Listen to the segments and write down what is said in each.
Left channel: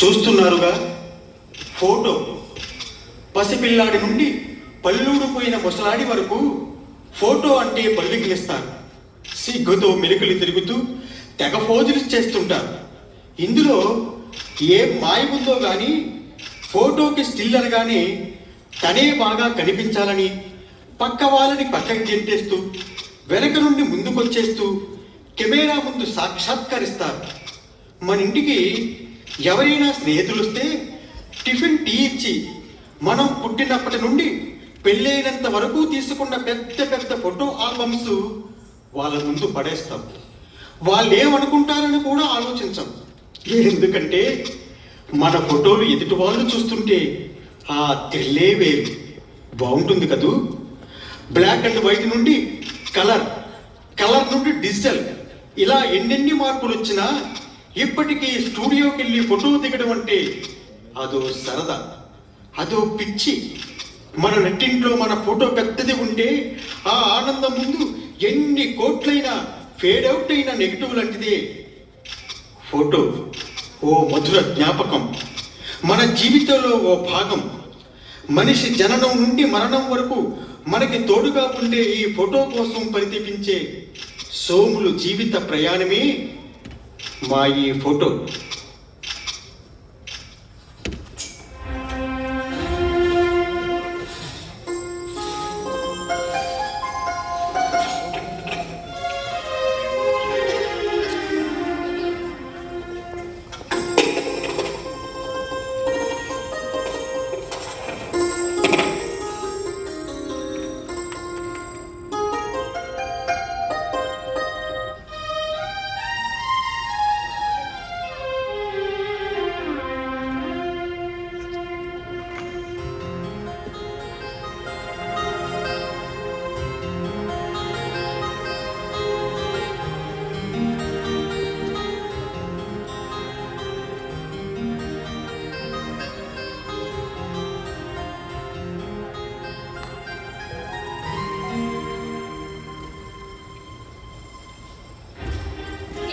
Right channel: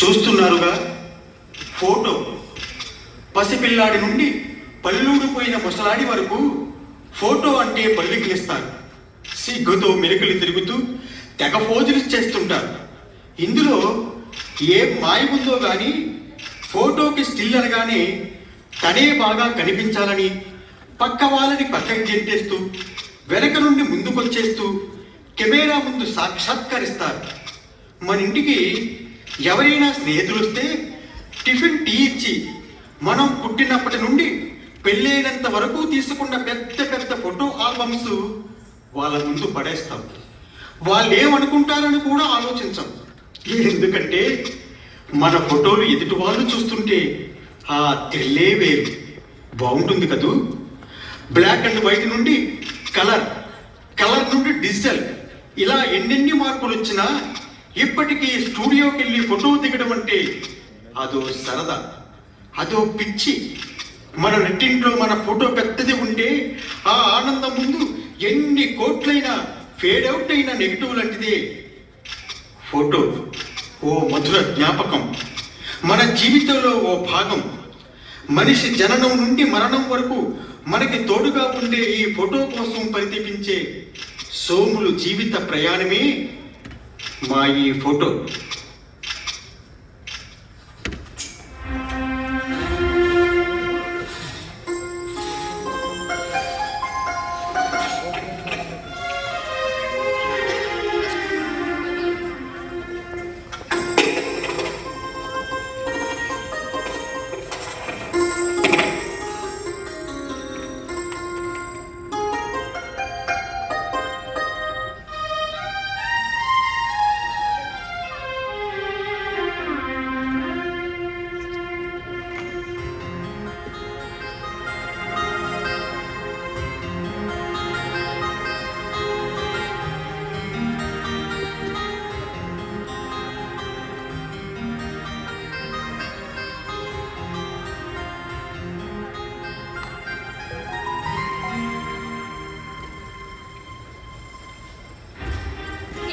చూస్తున్నారుగా ఫోటో. పసిపిల్లాడి నుండి పల్లూడిపోయిన ముసలాడి వరకు ఫోటో అంటే పల్లికిలిస్తారు. సిగ్గుతో మెరుకులు తిరుగుతూ తెగ ఫోజులు చేస్తుంటారు. ఇందులో ఏ మాయ ఉందో కానీ ఫోటోకి స్టిల్ అనగానే తనే బాగా కనిపించాలని పక్క వాళ్ళని పక్కకి గెంటేస్తూ వెనక నుండి ముందుకొచ్చేస్తూ కెమెరా ముందు సాక్షాత్కరిస్తారు. మన ఇంటికి ఎవరైనా స్నేహితులు వస్తే టిఫిన్ టీ ఇచ్చి మనం పుట్టినప్పటి నుండి పెళ్ళైనంత వరకు తీసుకున్న పెద్ద పెద్ద ఫోటో ఆల్బమ్స్ వాళ్ళ ముందు పడేస్తాం. వాళ్ళు ఏమనుకుంటారని కూడా ఆలోచించాం. ఎందుకంటే మన ఫోటోలు ఎదుటి వాళ్ళు చూస్తుంటే ఆ తెల్లే వేరు బాగుంటుంది కదూ. బ్లాక్ అండ్ వైట్ నుండి కలర్, కలర్ నుండి డిజిటల్, ఇలా ఎన్నెన్ని మార్పులు వచ్చినా ఇప్పటికీ స్టూడియోకి వెళ్ళి ఫోటో దిగడం అంటే అదో సరదా, అదో పిచ్చి. మన నెట్టింట్లో మన ఫోటో పెద్దది ఉంటే ఆ ఆనందం ముందు ఎన్ని కోట్లైనా ఫేడ్ అవుట్ అయిన నెగిటివ్ లాంటిదే ఫోటో. ఓ మధుర జ్ఞాపకం, మన జీవితంలో ఓ భాగం. మనిషి జననం నుండి మరణం వరకు మనకి తోడుగా ఉండే ఈ ఫోటో కోసం పరితపించే సోములు జీవిత ప్రయాణమే మా ఈ ఫోటో.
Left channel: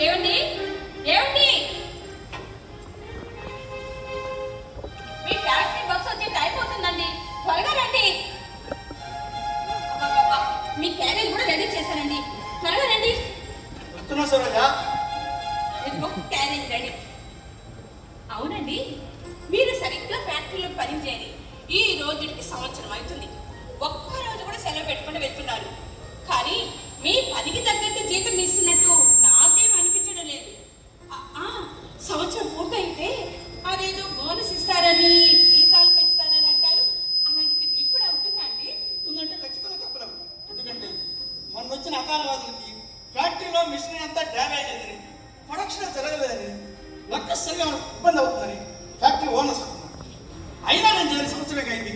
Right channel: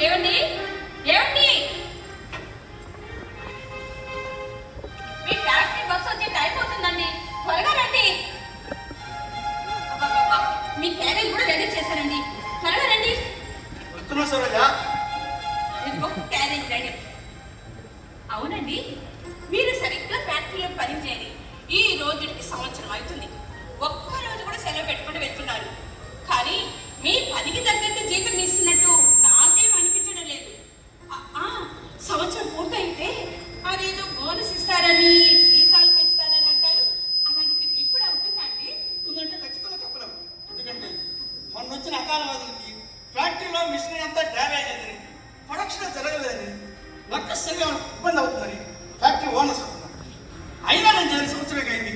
ఏమండి ఏమండి, మీ ఫ్యాక్టరీ బస్సు వచ్చి టైం అవుతుందండి, త్వరగా రండి. మీ క్యారేజ్ కూడా రెడీ చేశారండి, త్వరగా రండి. ఇదిగో క్యారేజ్ రెడీ. అవునండి, మీరు సరిగ్గా ఫ్యాక్టరీలో పని చేయని ఈ రోజుకి సంవత్సరం అవుతుంది. ఒక్కరోజు కూడా సెలవు పెట్టుకుంటూ వెళ్తున్నారు. కానీ మీ పనికి తగ్గట్టు జీతం ఇస్తున్నట్టు నాకేం అనిపించడం లేదు. సంవత్సరం పూర్తయితే అదేదో బోనస్ ఇస్తారని, జీతాలు పెంచుతారని అంటారు. అలాంటిది మీకు కూడా ఉంటుందండి? ఉందంటే ఖచ్చితంగా చెప్పలేము. ఎందుకంటే మొన్న వచ్చిన అకాలవాదికి ఫ్యాక్టరీలో మిషన్ అంతా డ్యామేజ్ అయిందని, ప్రొడక్షన్ జరగలేదని, వర్కర్స్ సరిగా ఇబ్బంది అవుతుందని ఫ్యాక్టరీ ఓనర్స్ అంటున్నారు. అయినా నేను చేసిన సంవత్సరం అయింది.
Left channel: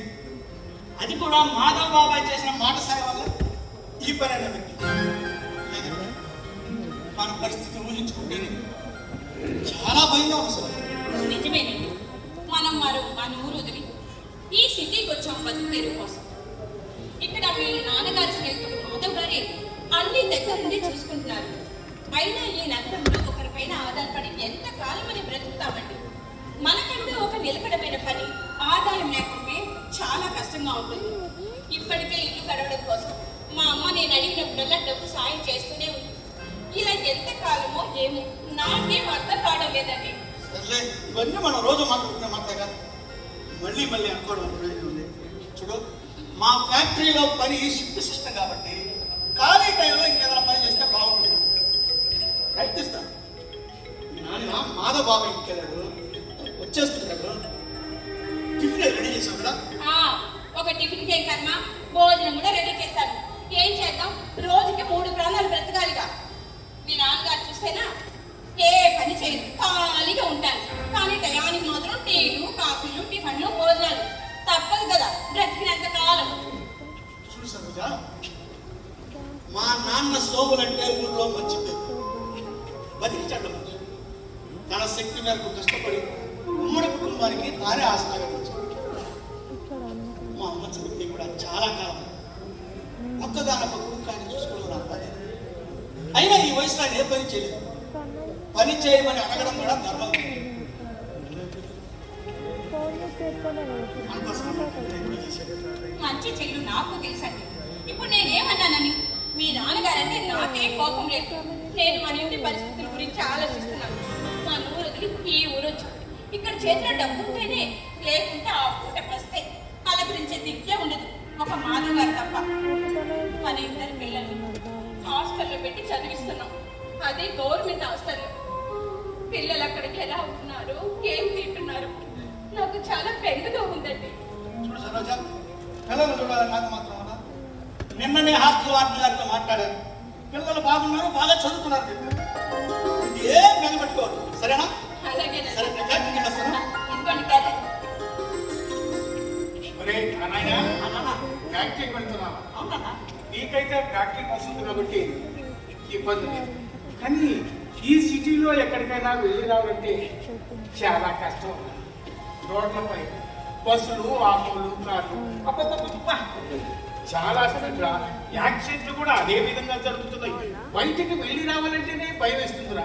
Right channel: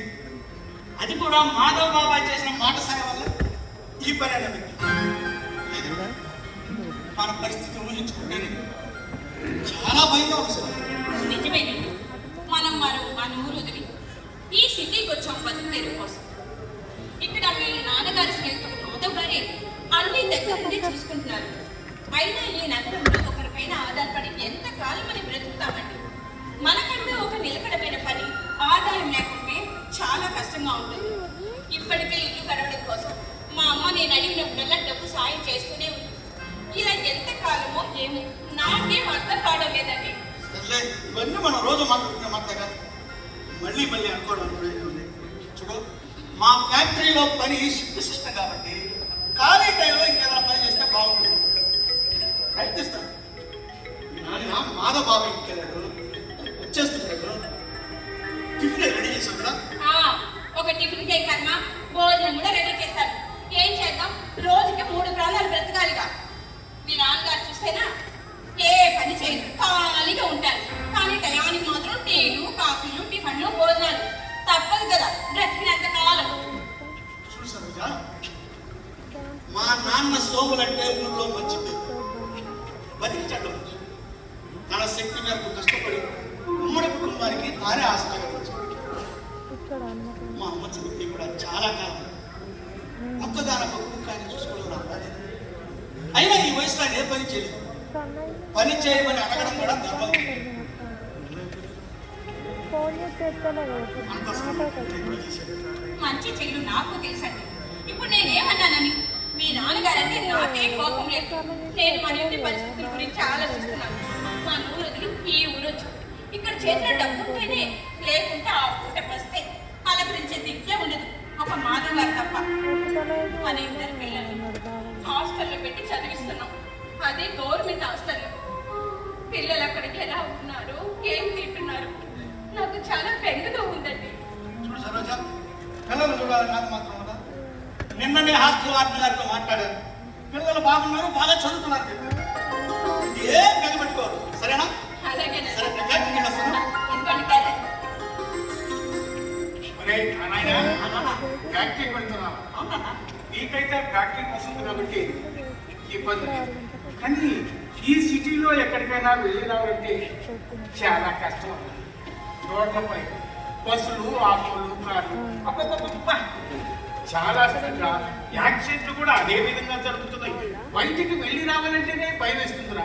అది కూడా మాధవ్ బాబాయ్ చేసిన మాట సాయం వల్ల ఈ పని అన్నది. మన పరిస్థితి ఊహించుకుంటేనే చాలా భయంగా వస్తుంది. నిజమేనండి, మనం మన ఊరు వదిలి ఈ సిటీకి వచ్చాం బతుకు తెరువు కోసం. ఇక్కడ మీ నాన్నగారి స్నేహితులు మాధవ్ గారి అన్ని దగ్గర నుండి చూసుకుంటున్నారు. అయినా ఈ నగరంలో ఒకరిపైన ఆధారపడి ఎంత కాలం మనం బ్రతుకుతామండి. మనకంటూ ఒక నిలకడమైన పని, ఆదాయం లేకుంటే చాలా కష్టంగా ఉంటుంది. ఇప్పటికే ఇల్లు గడవడం కోసం మా అమ్మ నేను అడిగినప్పుడల్లా డబ్బు సాయం చేస్తూనే ఉంది. ఇలా ఎంత కాలమో ఏమో నాకేం అర్థం కావడం లేదండి. ఇవన్నీ మనం రోజు మాట్లాడుకునే మాట కాదు, మళ్ళీ మళ్ళీ అనుకోవడం ఉంది. చూడు, మా ఫ్యాక్టరీలో పని షిఫ్ట్ సిస్టమ్ కాబట్టి ఖాళీ టైంలో ఇంకేదైనా పని చేస్తే బాగుంటుంది. ప్రయత్నిస్తాను. నాన్న మాధవ్ బాబా ఇంటికి వెళ్ళాడు, వచ్చేస్తున్నాడు. టిఫిన్ రెడీ చేసాం కదా. ఒక టిఫిన్ కేక్ కన్నా భోజనం కూడా రెడీ చేస్తాను. ఏం చేద్దాం, రోజుకి 3 ప్రాణాలు బ్రతకాలిగా. మీ నాన్నగారు చూస్తేనా ఏ పని చేయరు, ఖాళీగా ఉంటారు. కానీ టయానికి మాత్రం టీలు, కాఫీలు, టిఫిన్లు, భోజనాలు తప్పదు కదా బ్రతికినంత కాలం. చూడు సరోజ, మా నాన్న సోములంటే ఊళ్ళో మంచి పేరు, బతికి చెడ్డ. తన శక్తి మేరకు కష్టపడి ఉమ్మడి కుటుంబానికి తానే ఆసరాగా నిలిచాడు. మా అమ్మ చనిపోయి కూడా చాలా కాలం ఒక్కగానొక్క కుటుంబాన్ని చూసుకోవడం నాకు రాలేదు. అయినా ఈ వయసులో ఆయన ఏ పని చేయలేదు. పని చేయమని అడగడం కూడా ధర్మం. అంత సమయం చేశాడు. మంచి చెడు నాకు తెలుసండి. ఇప్పుడు నేనేమన్నానని మీ నాన్నగారంటే నాకే కోపం లేదు. నేను మన ఇంటి పరిస్థితుల గురించి ఆలోచిస్తున్నాను. మన ఊరు వదిలి ఈ ఊరు వచ్చాను. ఇక్కడ చేతిలో డబ్బు ఉంటేనే, లేకుంటే ఆ పూట వస్తే వాళ్ళ గురించి దిగ్గే ఉండదు. ఒక మాధవ్ గారు తప్ప. మన ఇద్దరు పిల్లలు హాస్టల్లో పెట్టి చదివిస్తున్నాం. అదే గవర్నమెంట్ హాస్టల్. పిల్లలు అక్కడికి ఎలా ఉంటున్నారు, ఏం తింటున్నారు, నాకు చాలా బెంగగా ఉందండి. చూడు సరోజ, పిల్లలు చూడాలి నాకు మాత్రం ఉందా? నిన్ననే హాస్టల్ వార్డెన్ గారితో మాట్లాడాను. పిల్లలు బాగున్నారు, బాగా చదువుతున్నారు. ఏం బెంగపెట్టుకోరు, సరేనా? అలాగే సరే, నేను ఫ్యాక్టరీకి వెళ్ళొస్తాను. ఎందుకంటే కదా అరే నాయనా, ఫ్యాక్టరీకి వెళ్తున్నావా? అవునా? నీకైతే ఫ్యాక్టరీ వస్తుంది కాబట్టి ఇబ్బంది లేదు. కానీ ఈ సిటీలో ఎక్కడికైనా వెళ్ళి రావాలంటే చాలా కష్టం. రోడ్లపై బస్సులు, ఆటోలు, కార్లు అబ్బబ్బబ్బబ్బ! చాలా స్థితిలో యాక్సిడెంట్లు కూడా అదే విధంగా జరుగుతున్నాయి. బయటికి వెళ్ళి రావాలంటేనే భయం వేస్తుందిరా.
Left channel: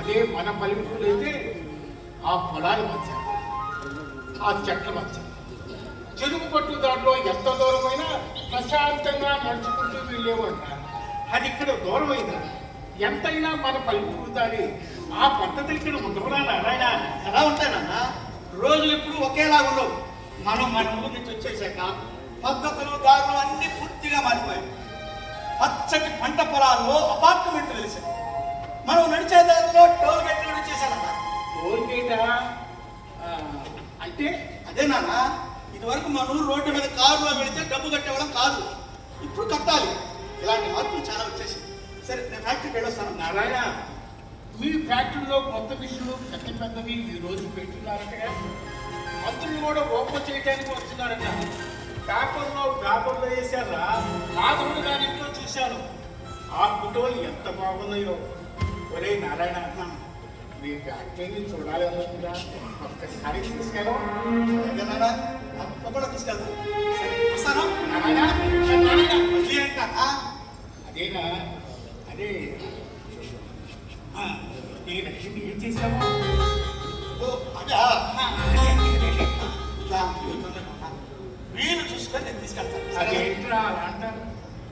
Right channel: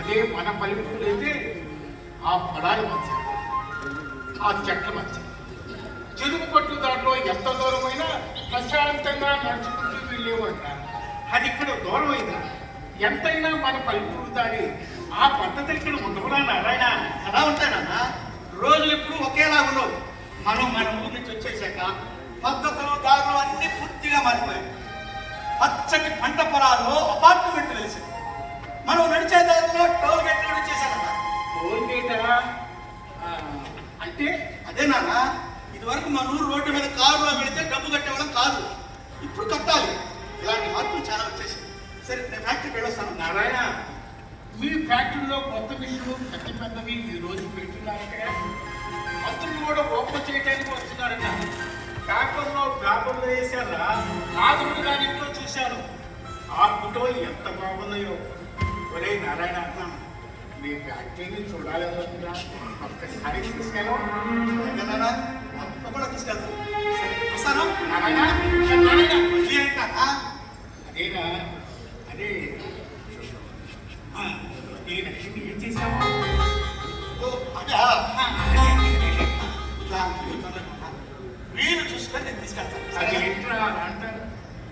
అదే మన పల్లెటూరు అయితే ఆ పొలాల మధ్య, ఆ చెట్ల మధ్య, చెరువు పట్టు దాంట్లో ఎంత దూరమైనా ప్రశాంతంగా నడుచుకుంటూ వెళ్ళేవారు. అది ఇక్కడ దూరమైంది. ఎంతైనా మన పల్లెటూరు దారి ఆ పద్ధతి ఇక్కడ ఉండవునా నారాయణ? ఎలా ఉంటానన్నా? రోజులు ఎప్పుడు ఒకేలా ఉండవు. మనం మన ఊరు నుంచి వచ్చేసాక పద్ధతులు, దారులు అన్ని పూర్తిగా మారిపోయాయి. పచ్చటి పంట పొలాల్లో అపార్ట్మెంట్లు వేసాం. మనం నడిచే దారిలో టోల్ గేట్లు వచ్చేసానన్నా. టోల్ గేటా? అంటే అదే నాన్న, ఇదివరకు మన ఊరు రోడ్డు మీద కారులో పెడితే డబ్బు కట్టేవాళ్ళం కాదు. ఇప్పుడు కట్టాలి. ఇలాంటి మార్పులు చాలా వచ్చేసాయి. సరే, నేను ఫ్యాక్టరీకి వెళ్ళొస్తాను. నారాయణ, మీ ఫ్యాక్టరీలో కొత్త విషయాలు పెద్ద పెద్దవి ఈ రోజు పెడుతున్నారు కదా. మంత్రులు కూడా ఓపెన్ చేయడానికి వస్తున్నారట. పేపర్లో వేసారా? నాదుడు గారి ఇంట్లో చూశాను. ఆ ఫోటో ఎంత బాగున్నాయో. ఒరే నారాయణ, మీ ఫ్యాక్టరీని చూడాలనుకుంటా, ఒక్కసారి తీసుకెళ్ళం. ఎక్కడైనా తప్పకుండా తీసుకెళ్తాను. సరే, వస్తాను. నారాయణ, నారాయణ, మళ్ళీ ఏంటన్నా? అదేనా? అదే నేను ఏం చేశాను? ఓ, అదే. వీలు చూసుకొని నేను తీసుకెళ్తాను. అది సరే, ఏంట్రా అంటారు?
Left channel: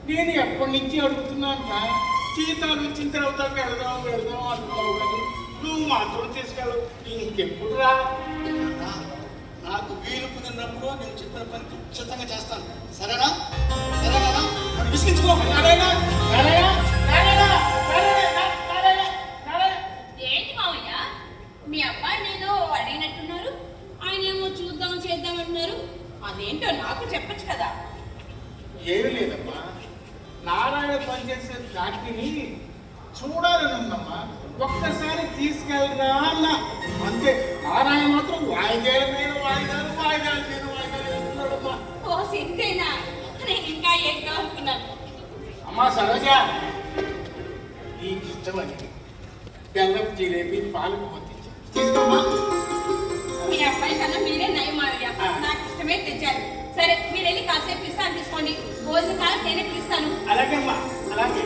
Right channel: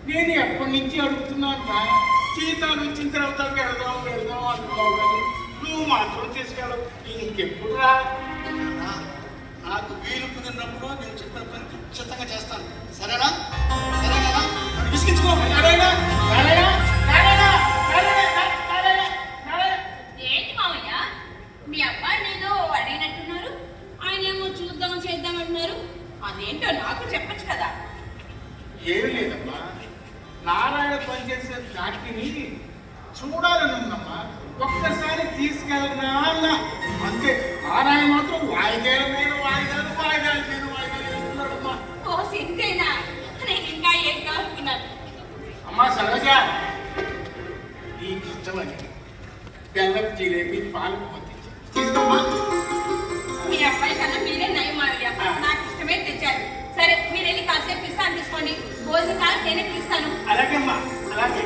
నేను ఎప్పటి నుంచి అడుగుతున్నాను రా. జీతాలు ఇచ్చిన తర్వాత వెళదాం అంటున్నావు కానీ నువ్వు మాత్రం తీసుకెళ్ళవు. ఇంకెప్పుడు రా? నాకు వీలు కుదిరినప్పుడు నేను చెప్పిన పని ఖచ్చితంగా చేస్తాను. సరేనా? సరేనా? నన్ను విసిగించుకో. నారాయణ, నారాయణ, నారాయణ, నారాయణ, నారాయణ, నారాయణ. ఏంటి మావయ్య, మీ అబ్బాయి నేను అడిగినట్టున్నారు. ఆయన ఏమో చేద్దాం అంటున్నారు. అదేంటో నాకు చెప్పచ్చు కదా. ఏమి లేదమ్మా, నారాయణ పనిచేసే ఫ్యాక్టరీని చూడాలని ఉందమ్మా. ఒక్కసారి తీసుకెళ్ళరా అన్నా. అంతే. నారాయణ మాత్రం వాయిదాలు వేస్తున్నాడమ్మా. ఓ సింతేనా? నేను ఇంకా ఏంటో అనుకున్నాను. అమ్మా సరోజ, నీకు ఇష్టమని బెల్లం జిలేబీ పాలకు పంపించి తీసుకోమ్మా. మీ అబ్బాయి కన్నా మీరే నయం మావయ్య. నాకు ఇష్టమే తెచ్చారు. సరే, మీరు వెళ్ళి కాసేపు ఇస్తాను తీసుకోండి. భోజన కాలం నేనే పిలుస్తాను. అలాగే అమ్మా, అలాగే.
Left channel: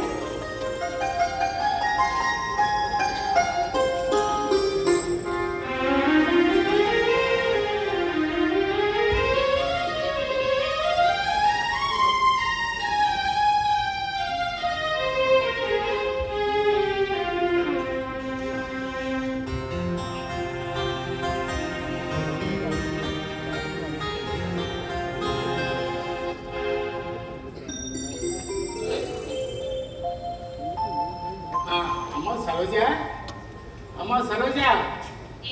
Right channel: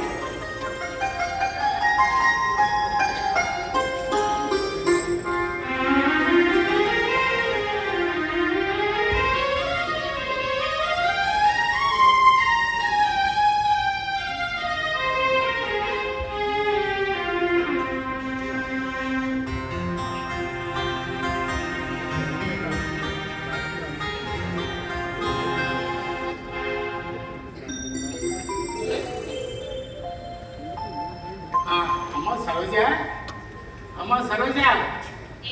అమ్మా సరోజ,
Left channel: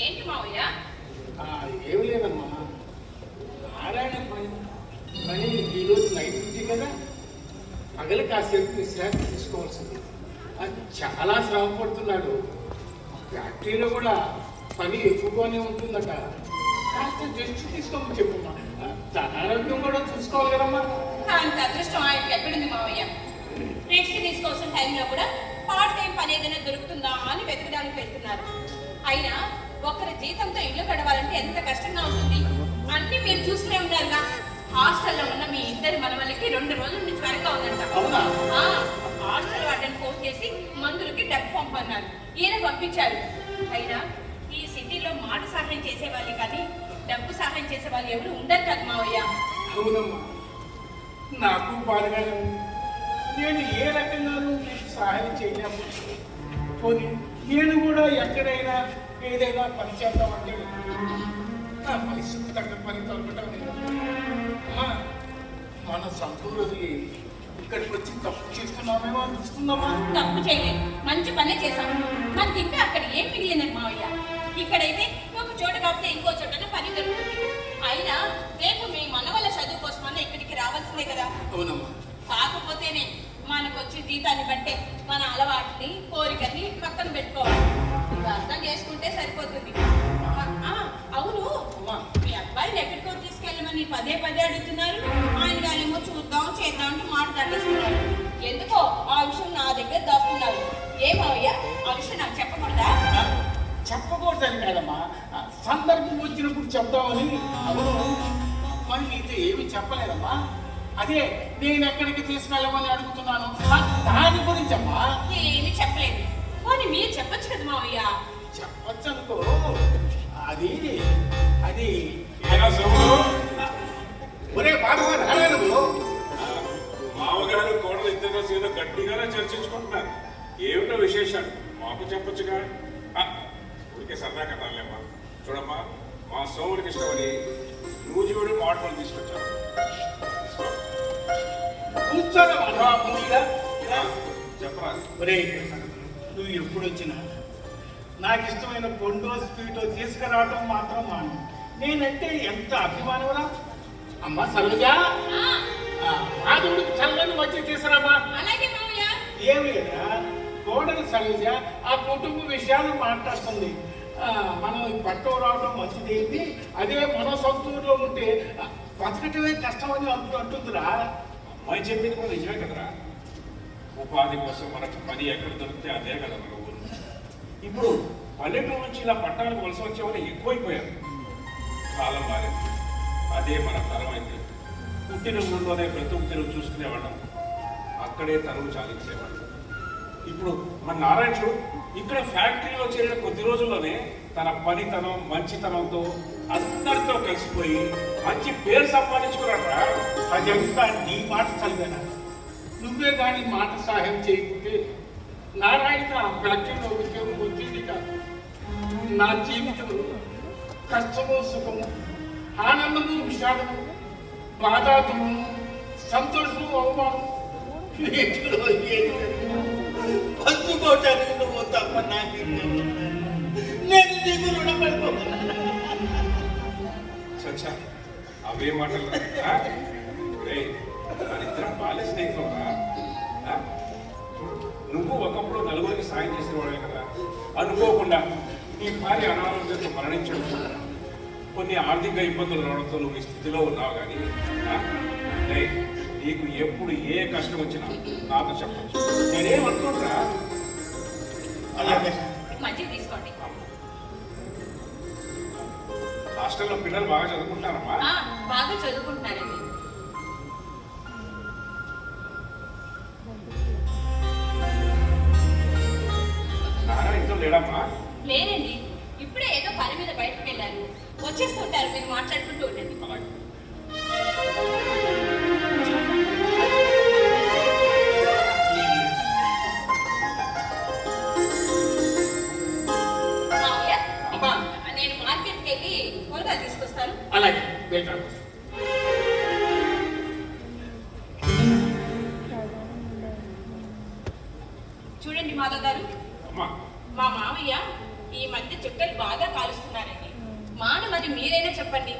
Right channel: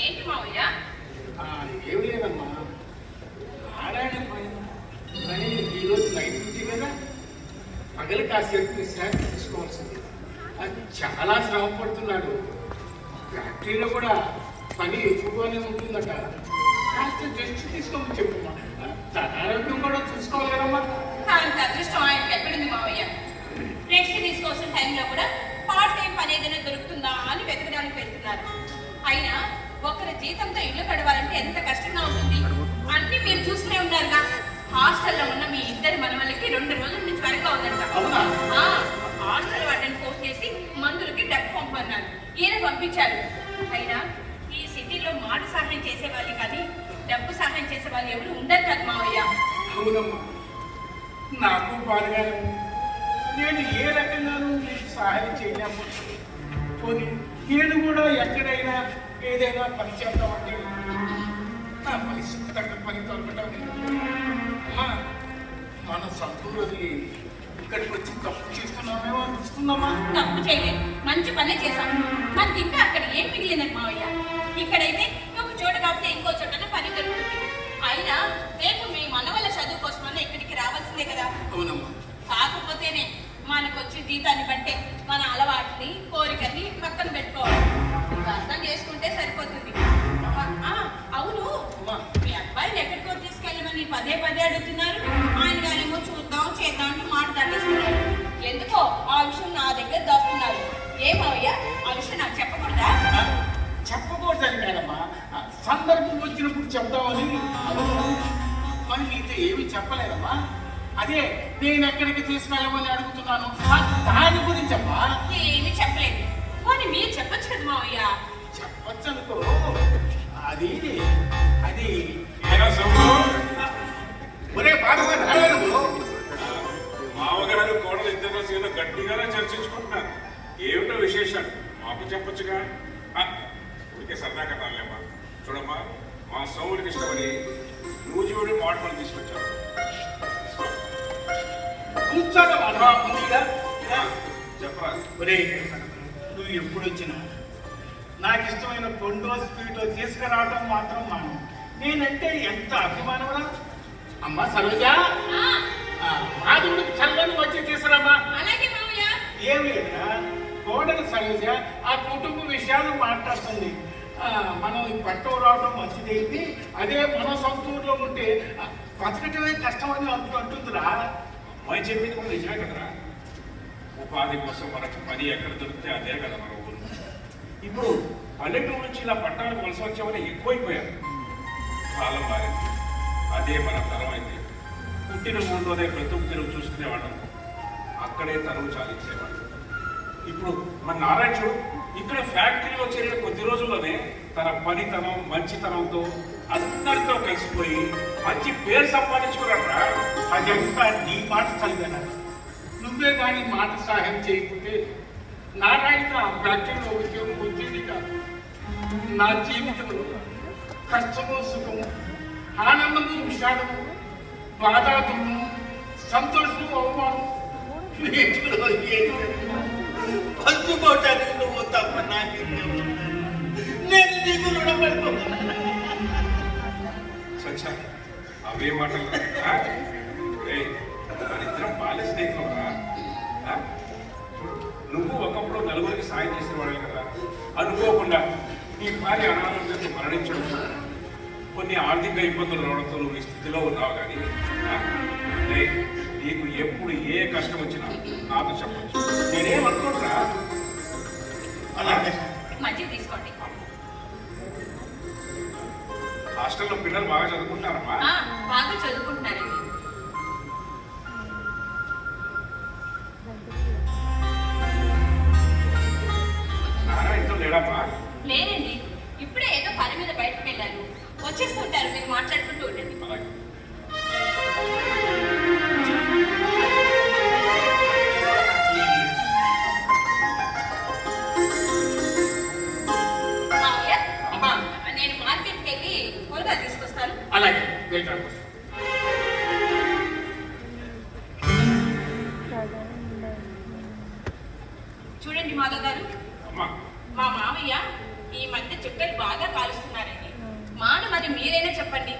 ఏంటి మావయ్య? ఏమి లేదమ్మా, నారాయణ పని ఈరోజు నైట్ నుంచి కదా, పగలు కాసేపు విశ్రాంతి తీసుకోవాల్సింది. చాలా శ్రమ పడుతున్నాడు. ఫ్యాక్టరీలో కూడా పని ఎక్కువగానే ఉంటుందట. కాస్త రెస్ట్ తీసుకోమని చెప్పున్నాం. తన ఆరోగ్యం కూడా చూసుకోవాలి కదమ్మా. అంత అదృష్టం ఆయనకి ఎక్కడుంది మావయ్య? రెస్ట్ తీసుకోవాల్సిన టైంలో కూడా పార్ట్ టైం పని ఏదైనా దొరుకుతుందా అని వెతకడానికి వెళ్తున్నారు. అయినా ఒక్కరి జీతంతో ఇల్లు గడవాలంటే ఎంత కష్టంగా ఉంటుంది. అన్ని మీరు చూస్తూనే ఉన్నారుగా. హాస్టల్లో ఉన్న మీ ఇద్దరి మనవలకి 2 రోజుల నుంచి త్వరగా ఉందంట. అవునా? హాస్టల్ వాటిని ఫోన్ చేసి మందులకి డబ్బు పంపన్నారు. ఈయన పంపించారు. అయినా ఈ సిటీలో మాట సహాయం చేసేవాళ్ళు కానీ డబ్బు సహాయం చేసే వాళ్ళు ఎవరు ఉండరు కదా మావయ్య. అవునమ్మా, నాకు బాధగానే ఉంది. నేను ఏ రకంగానూ మీకు సహాయం చేయలేము. పోనీ నేను కూడా ఎక్కడైనా ఏదైనా పని చేద్దామంటే నా పరిస్థితి తగ్గ పని దొరకటం లేదు. అమ్మా, మన సంతూరది ఇక్కడికి వచ్చి తప్పు చేస్తున్నామేమో అనిపిస్తుందమ్మా. తప్పు చేయలేదు, మంచి పనే చేశాను. మనకి ఇంకా అక్కడ ఏం మిగిలిందని మావయ్య. ఇక్కడైతే ఒక చోట కాకపోతే ఇంకో చోటనే పని దొరుకుతుంది. అయినా రేపు మీ మనవల చదువు కోసమన్నా ఇక్కడికి రావాల్సిందే కదా. అవునమ్మా. కాకపోతేనే మనకు వచ్చే జీతాన్ని బట్టే మన అలవాటుని కోరికని పక్కన పెట్టుకోవాలి. ఇది అర్థం చేసుకుంటే సరిపోతుంది. అవును, అమ్మా, మీ అబ్బాయిని ఎక్కడికో తీసుకెళ్ళమని పదే పదే అడుగుతున్నారు. ఆయన గారేమో చూద్దాం చేద్దాం అంటూ మాట తగ్గిస్తున్నారు. ఎందుకో ఆ విషయం నా దగ్గర దాస్తున్నారు. ఏమయ్యా, ఆ విషయం నాకు చెప్పకూడదా? చెప్పకూడదని కాదమ్మా, సందర్భం వచ్చినప్పుడు చెప్దామని. అవును, మరి నీతో ఏమీ చెప్పలేదమ్మా. అదే నేను ఎక్కడికి తీసుకెళ్ళమని అడుగుతున్నాను, దాని గురించి అమ్మా. ఏమీ చెప్పలేదు. పోనీ మీరు చెప్పొచ్చు కదా మావయ్య. చెప్పచ్చు అనుకో. అది అది ఒరే బాబుగా రాలేదు. మామగారు కోడలు ఇద్దరు ఏదో గట్టిగానే చర్చించుకుంటున్నారు. ఏమిటో విశేషాలు మాకు చెప్పొచ్చుగా. ఊరికే సరదా కథలేమ్మా. చూడమ్మా, మా సోముడికి ఇష్టమని నూజివీడి మాటలు తీసుకొచ్చాను. కూర్చోగా మనవా ముందుగా చెప్పరా. ఒరే, నువ్వు ఎప్పుడు వచ్చినా నాకు ఇష్టమైన కొండో స్వీటో తీసుకురావటం మాత్రం మాను. నేనంటే ఎంత అభిమానమరా. అమ్మ సరోజా, మాధవుడికి చల్లని వచ్చి తీసుకురామా. అలాగే మావయ్య. ఏం లేదా, కోడలు సరోజ ఆ కుటుంబ విషయాలు మాట్లాడుతుంది. మనం పట్టం రావడం మంచిదేంటి, అదే మన సొంత ఊర్లో ఉంటే బతకటమే కష్టమని అంటుందిరా. అమ్మాయి చెప్పింది కూడా నిజమే కదరా. ఉపాధి కోసం మనకు పని ఎక్కడ దొరికితే అదే కదా మన ఊరు. ఇప్పుడు పల్లెటూరు నుంచి ఇలా పట్టణానికి వలస వచ్చేవాళ్ళు ఎక్కువైపోయారు. కాలం మారింది, అదే మన తరం అయితే. పుట్టిన ఊళ్ళోనే బ్రతుకు తెరువు చూసుకునేవాళ్ళం, అక్కడే తరువు చాలించేవాళ్ళం. ఇప్పుడు మన నారాయణుడు ఇక్కడ ఫ్యాక్టరీలో చేరిన కొద్ది రోజుల్లోనే తన పనితనం మంచితనంతో అందరితో కలిసిపోయి మంచి పేరు సంపాదించుకున్నారా. అదంతా నీ మాట చదివాను. నువ్వే కానీ మాట సహాయం చేయకపోతే నారాయణ ఆ ఫ్యాక్టరీలో ఉద్యోగం వచ్చేది కాదు. నా జీవితంలో కష్టము సుఖము, ఆనందము విషాదము, బాధాతము, సంతోషము, అవమానం పంచుకోవటానికి నువ్వు తప్ప నేను నీకు రుణపడిపోతున్నా. సచ్చా అవే మాటలు మనిద్దరం బాల్య స్నేహితులుగా. నువ్వు ఒకప్పుడు నలుగురికి సాయం చేసేవాడు కదా. అనుకోకుండా ఈ భార్య అనారోగ్యంతో మరణించడం, కొన్ని ఆర్థిక ఇబ్బందులు రావడంతో నువ్వు ఈ స్థితిలో ఉన్నావు. కానీ నీకు ఎప్పుడు ఏ కష్టం వచ్చినా నాతో చెప్పచ్చు. నేనేమనుకుంటున్నా. అలాగే మంచిగా తీసుకోండి. హాస్టల్లో పిల్లలు బాగా చదువుకుంటారమ్మా. బాగా చదువుకుంటున్నారండి. నారాయణతో లేడమ్మా? లేనండి, ఇప్పుడే ఏదో పని మీద బయటకు వెళ్ళారు. వచ్చేస్తుంటారు, మీరు మాట్లాడుకుంటూ ఉండండి. అలాగే. మావయ్య, అమ్మా. నేను మార్కెట్కి వెళ్ళి కూరగాయలు తీసుకొస్తాను. అలాగే వెళ్తాను. చూడండి మాధవ్ గారు, అమ్మా, మా మామయ్య ఈ మధ్య చుట్టలు బాగా కాలుస్తున్నారండి. మరి మీరైనా చెప్పండి,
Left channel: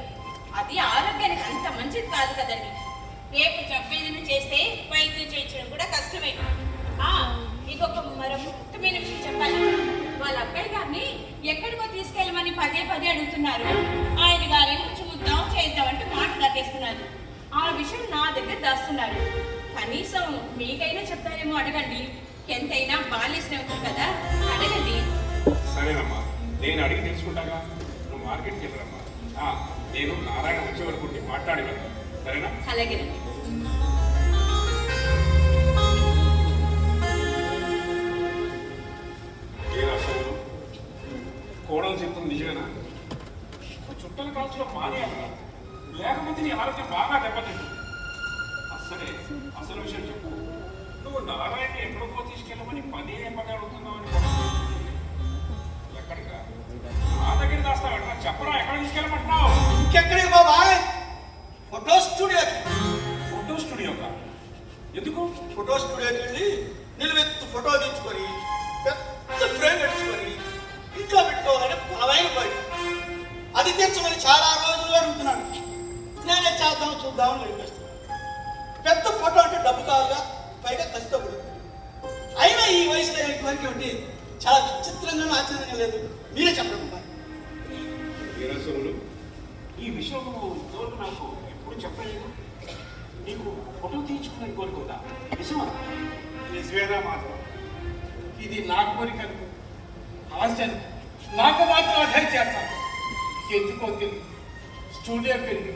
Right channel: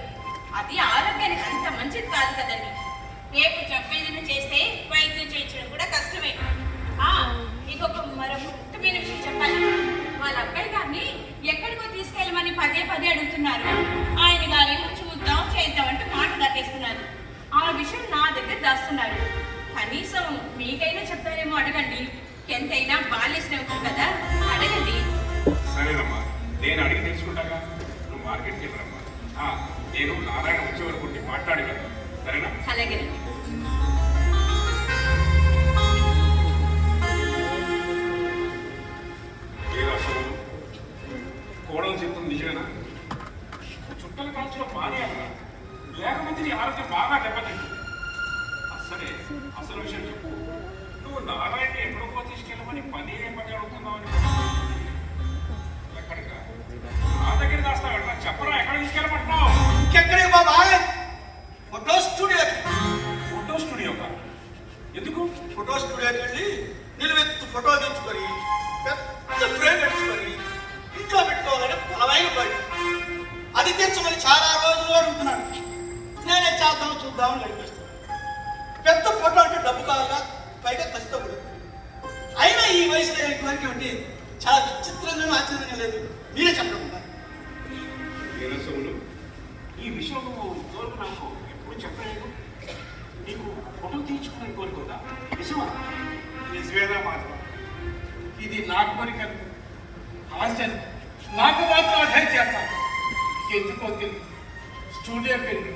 అది ఆరోగ్యానికి అంత మంచిది కాదు కదండి. రేపు చెప్పేదైనా చేస్తే వైద్యం చేయించడం కూడా కష్టమే. ఇంకొక మరో ముఖ్యమైన విషయం చెప్పాలి. వాళ్ళ అబ్బాయి గారిని ఎక్కడికో తీసుకెళ్ళమని పదే పదే అడుగుతున్నారు. ఆయన గారేమో చూద్దాం చేద్దాం అంటూ మాట కట్టేస్తున్నారు. ఆ విషయం నా దగ్గర దాస్తున్నారు. కనీసం మీకైనా చెప్తారేమో అడగండి. ఎంతైనా బాల్య స్నేహితులు కదా, అడగండి. సరేనమ్మా, నేను అడిగి తెలుసుకుంటాగా. నువ్వు మార్కెట్కి వెళ్ళరమ్మా. నేను నారాయణ వచ్చే వరకు ఉండి మాట్లాడి వెళ్తాను, సరేనా? అలాగేనండి. ఏ అసలు కోడలు చెప్తుంది నిజమేనా? చుట్టల కాల్చడం మానేయాలా, లేకపోతే నీ ఆరోగ్యం బాగా దెబ్బతింటుంది. సరే, అసలు విషయం చెప్పు. నువ్వు నారాయణని ఎక్కడికో తీసుకెళ్ళమని పదే అడుగుతున్నావు. ఎక్కడికా? నా దగ్గర దాస్తావా? చెప్పరా, ఎక్కడ తీసుకెళ్ళమంటున్నావు? ఇంకెక్కడికి బాబాయ్? Photo studio. ఫోటో స్టూడియోకా? ఎందుకు? ఫోటో స్టూడియోకి వెళ్ళి నిలువెత్తు ఫోటో తెచ్చుకొని పెద్ద ఫ్రేమ్ తెచ్చుకొని ఇంట్లో పెట్టుకోవాలని బలమైన కోరిక. అది తెచ్చమని చాలా రోజులు అడుగుతున్నాను. నేనే చేద్దాం చూద్దామని గడిపేస్తున్నాను. పెద్ద ఫోటో అంటే డబ్బు కావాలా, పైగా కష్టపడు. అయినా ఈ వయసులో కోరిక ఉంటే చాలా విచిత్రంగానూ ఆశ్చర్యంగా లేదు. మీరే చెప్పకుండా వీరసములు, ఈ విషయం తోడు నాకు ఎప్పుడు చెప్పలేదు. నీకు ఫోటో తీయించుకునే కోరుకుందా? నిజమా? నిజమేనా మాత్రం ఇది నా కోరిక, ఆశ్చర్యం. నాకు మాత్రం అదే చేస్తాను. ఎందుకో తెలియదు, స్టూడియోకి వెళ్ళి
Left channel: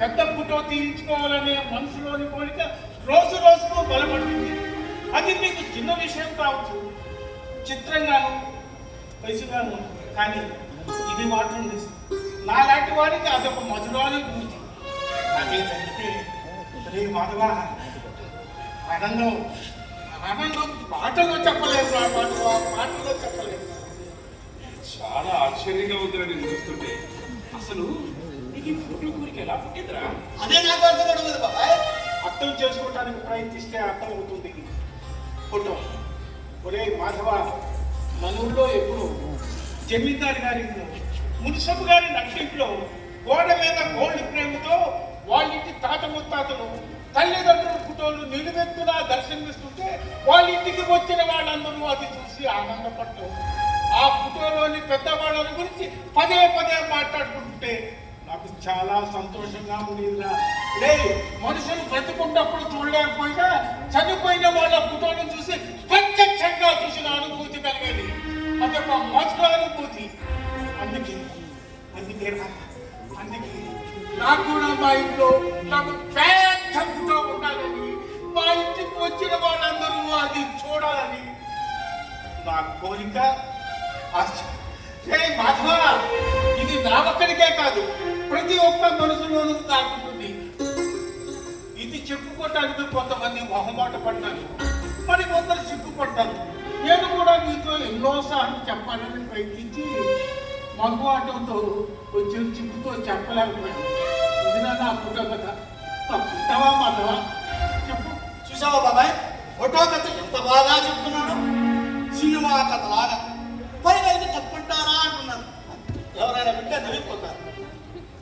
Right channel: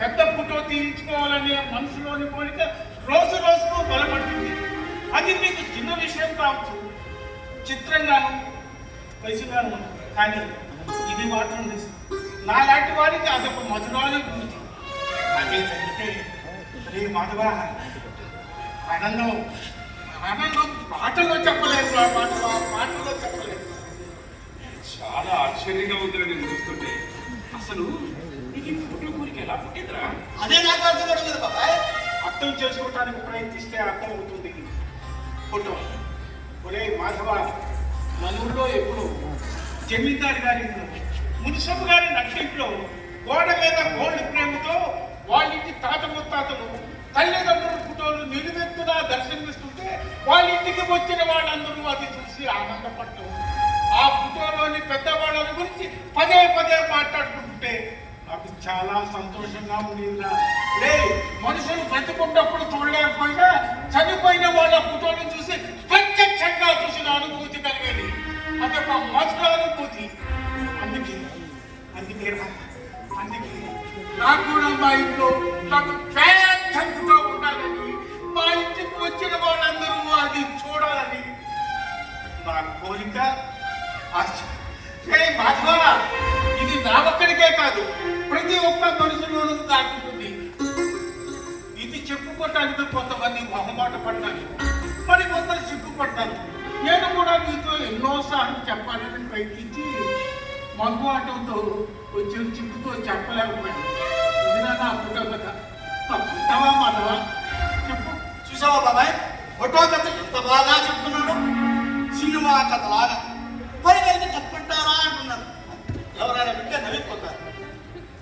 పెద్ద ఫోటో తీయించుకోవాలనే మనసులోని కోరిక రోజు రోజుకు బలపడుతుంది. అది మీకు చిన్న విషయం కావచ్చు, చిత్రంగాను పైసగాను, కానీ ఇది మాత్రం నిజం. నాలాంటి వారికి అదొక మధురాలు గురించి. అదే జరిగితే రే మాధవ, ఆనందం ఆనందం మాటలో చెప్పలేదు. నా మాటలో చెప్పలేదు. చాలా ఆశ్చర్యంగా ఉంది నేను చూస్తుంటే. అసలు నీకు ఈ ఫోటో కోరిక ఎలా పుట్టిందిరా? అదే నాకు అర్థమవుతుంది బాబాయ్. అర్థం చేసుకోవటానికి ప్రయత్నిస్తే అర్థం అవుతుంది. ఫోటో ఒరే మాధవ, మన ఊళ్ళో ఎప్పుడు జమీందారు గారి మున్సబ్ గారి నక్షింట్లో గోడ మీద గోల్డ్ ప్రేమతో వాళ్ళింటి తాత ముత్తాతలు తల్లిదండ్రుల ఫోటోలు నిలువెత్తులా దర్శనమిస్తుంటే వాళ్ళింటికి వచ్చిన వాళ్ళందరూ అది చూసి ఆనందపడ్డారు. ఆ ఫోటోలోని పెద్దవాళ్ళని గురించి పదే పదే మాట్లాడుకుంటే నాకు చాలా సంతోషంగా ఉండిందా. లే, మనుషులు బ్రతికున్నప్పుడు చూడలేకపోయినా చనిపోయిన వాళ్ళ ఫోటోను చూసి ప్రత్యక్షంగా చూసిన అనుభూతి కలిగేది. అదొక మధుర అనుభూతి. అందుకే నాకు కూడా మా ఇంట్లో నాకు పెద్ద ఫోటో ఉండాలని, మా ఇంటికి వచ్చిన వాళ్ళందరూ అది చూడాలని నా కోరిక. మాధవ, ఇది నా ఒక్కడికే కాదు, ప్రతి ఒక్క మనుషులోనూ దాటుతుంది. ఇది చెప్పుకోవటానికి కొంతమంది మొహమాట పడ్డారు, మరి కొందరు సిగ్గుపడ్డారు. నేను కూడా మీతో ఎన్నోసార్లు చెప్పాలని ప్రయత్నించి మగువాటంతో వచ్చిన చిక్కుతో చెప్పలేకపోయాను. ఇది నా ఫోటో కదా, తప్పుతావా మాధవ? చెప్పు. చూసావా బాబాయ్, ఫోటో కథ ఎంత బాగా చెప్తున్నాడు. సినిమా కథలాగా. పైగా ఇది తప్పంటారా అంటున్నారు. ఎవరైనా వింటే తెలియపోతారు.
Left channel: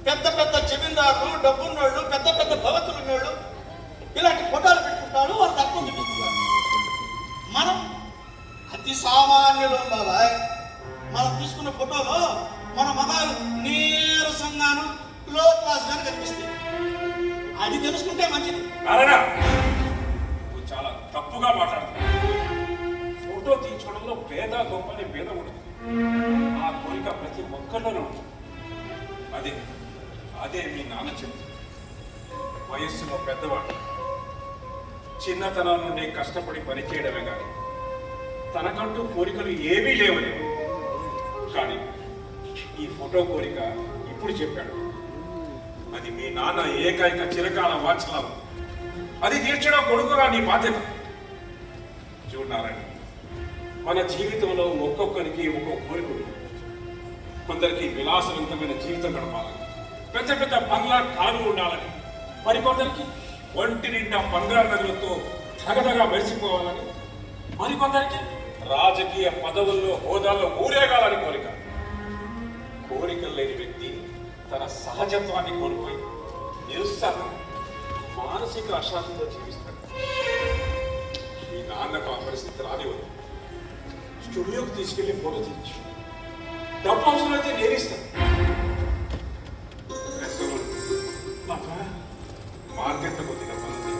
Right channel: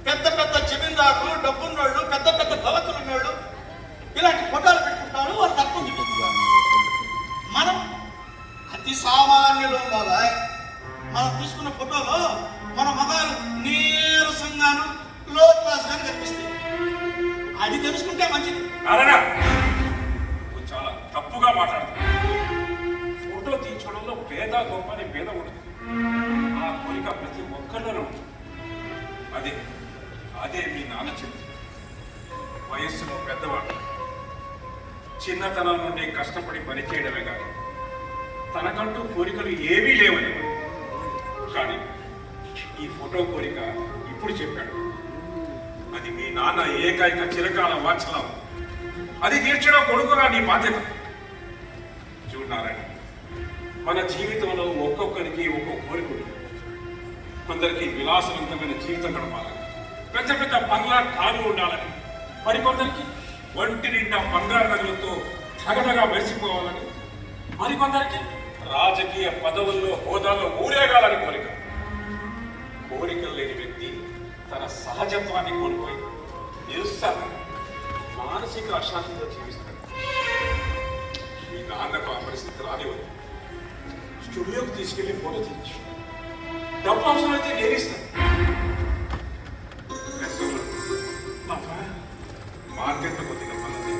పెద్ద పెద్ద జమీందారులు, డబ్బున్నోళ్ళు, పెద్ద పెద్ద భవతులు ఉన్నోళ్ళు ఇలాంటి ఫోటోలు పెట్టుకుంటారు, వాళ్ళు తక్కువ చూపిస్తున్నారు. మనం అతి సామాన్యులు బాబాయ్. మనం తీసుకున్న ఫోటోలో మన మగాలు నీరసంగాను లో క్లాస్ గాను కనిపిస్తాయి. అది తెలుసుకుంటే మంచిది. నువ్వు చాలా తప్పుగా మాట్లాడుతున్నావు. ఫోటో తీయించుకోవడంలో పేద గొప్ప అనే భేదం ఉంటుంది. ఆ కోరిక ప్రతి ఒక్కరిలోనే ఉంటుంది. అదే అదే మీ నాన్న చెప్తుంది. వయస్సులో పెద్దవాడు చిన్నతనం నుండి కష్టపడి పనిచేయడమే కాదు, తనకంటూ కోరికలు ఏమీ లేవని. కానీ ఈ ఫోటో కోరిక ఇప్పుడు చెప్పాడు. అది మీ నాన్న ఏకైక చిరకాల వాంఛనం. అది తీర్చడం కొడుకుగా నీ బాధ్యత. చూడాలని మన జీవితంలో ఒక్కొక్కరికి ఒక్కొక్క కోరిక ఉంటుంది. కొందరికి విలాసవంతమైన జీవితం గడపాలని, పెద్ద పెద్ద బంగ్లా కారు ఉండాలని, మరికొందరికి ఒంటి నిండా బంగారు నగలతో తగదగా మెరిసిపోవాలని, మరికొందరికి రాజకీయ పదవుల్లో హోదాల్లో ఊరేగాలని కోరిక. కోరికలు లేని వ్యక్తి తన సహజత్వాన్ని కోల్పోయి నిరుత్సాహం, మానసిక అశాంతితో జీవిస్తాడు. మీ నాన్నకు ఆ పరిస్థితి రానివ్వదు. స్టూడియోకి తీసుకెళ్లి ఫోటో తీయించు. డబ్బు అవసరమైతే నేరిస్తాను. మార్కెట్లో కొద్దిగా పని ఉంది,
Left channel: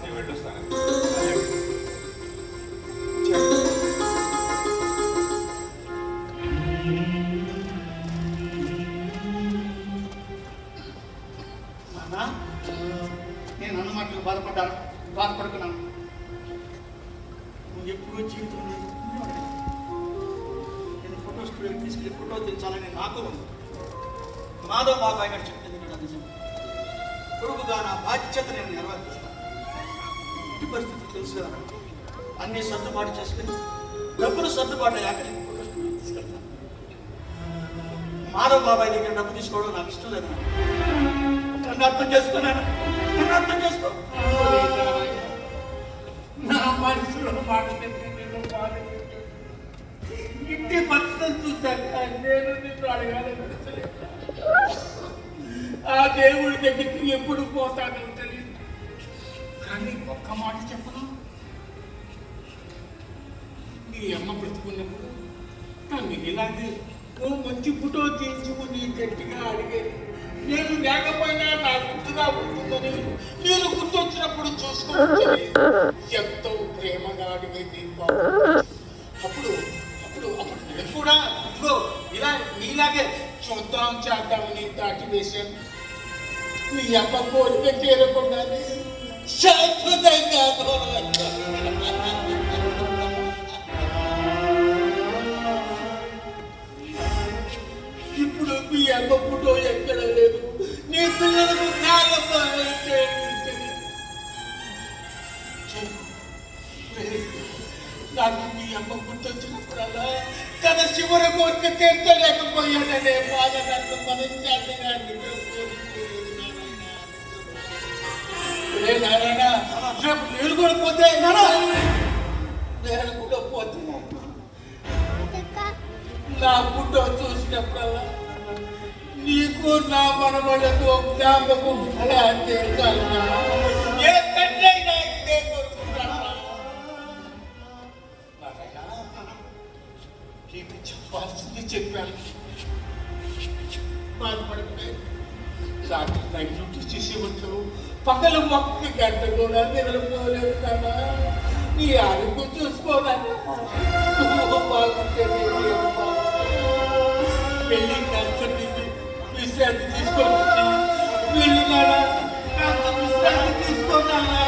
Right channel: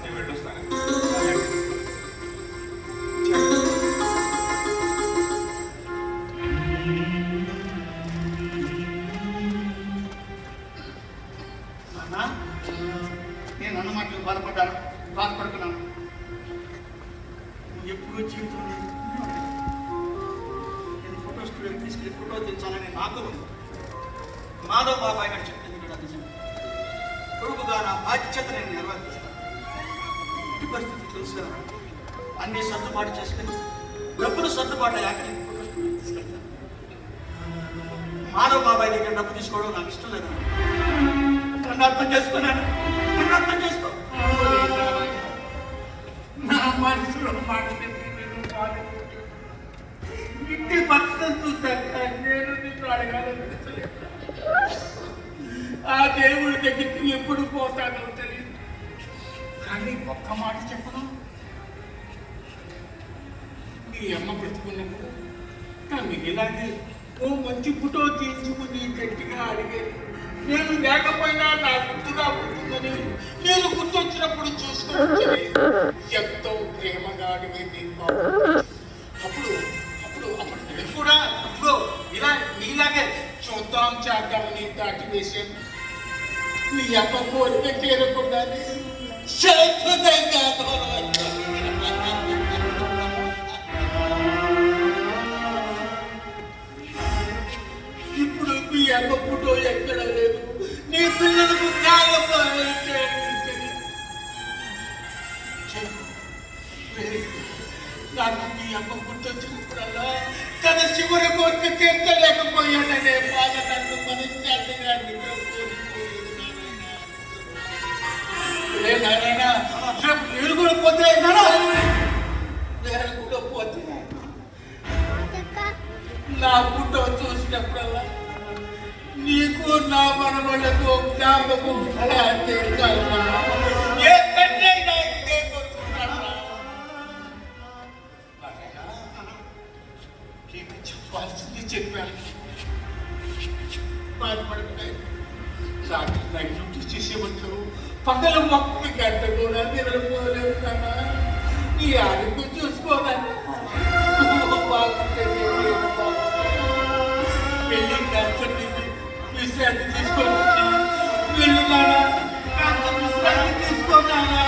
నేను వెళ్ళొస్తాను. చెప్పు. నాకు ఉంది. మాధవ్ బాబాయ్ గారు చెప్పింది కూడా నిజం. కొడుకుగా నా బాధ్యత నేను నెరవేర్చుతాను. ఇంటి పరిస్థితి తెలుసు కదా, అన్ని సర్దుబాటు చేసుకుని డబ్బులు సర్దుబాటు అయ్యాక తీసుకెళ్తాను. మాధవ్ బాబాయ్ దగ్గర డబ్బు తీసుకోవడం నాకు ఇష్టం లేదు. నన్ను అర్థం చేసుకున్నాను, నన్ను అర్థం చేసుకో. నా మనసులో మాట నేను బాధ ఇంటి భర్తను చూశాక నేను నిన్ను అడగాలనిపిస్తలేదు. ఆ దేవుడి దగ్గరికి ఎప్పుడు పోతానో తెలియదు. కానీ ఒక్క మాట చెప్పను, నీ అమ్మ బ్రతుకున్నప్పుడు నన్ను ఇలాగే ఓ మంచి ఫోటో తీయించుకుని గట్టిగా అడిగేది. నేను లేకపోయినా నా గుర్తుగా ఉంటుందని, నేను గుర్తొచ్చినప్పుడు చూసుకోవచ్చని ఎంతో ప్రేమగా అడిగేది. అప్పుడు అప్పుడు అప్పుడు నేను కూడా ఇదిగో ఇలా నీలాగే చూద్దాం చేద్దామని దాటి వేశాను. నీ అమ్మ కోరిక చేరకుండా శాశ్వతంగా దూరం వచ్చాను. ఇప్పుడు మీ అమ్మ ఫోటో ఎక్కడ లేదు. నీ పిల్లలకు జ్ఞాపకం నాకు మీ అమ్మ గుర్తొచ్చినప్పుడల్లా తన చివరి కోరిక తీర్చలేకపోయాననే బాధ నన్ను మనశ్శాంతిగా నారాయణ. నేను కూడా పోతే నేను కూడా పోతే నా ఫోటో చూసినప్పుడల్లా నీకు నా మనవలకు జ్ఞాపకం ఎలా చేస్తానా? ఏ తండ్రైనా ఇదే కోరుకుంటానా? నీకు చెప్పాల్సింది చెప్పాను. బాధపడిపోయి రాత్రి నైట్ డ్యూటీ చేసేవచ్చు. పగల మొక్కకి గంట కూడా నిద్రపోలేవు కదా. నీ ఆరోగ్యం చూసుకోదన్నా బాగుంటే పెళ్ళి కాస్త విశ్రాంతి తీసుకొని వెళ్ళినాడా? కాస్త విశ్రాంతి తీసుకున్నానా?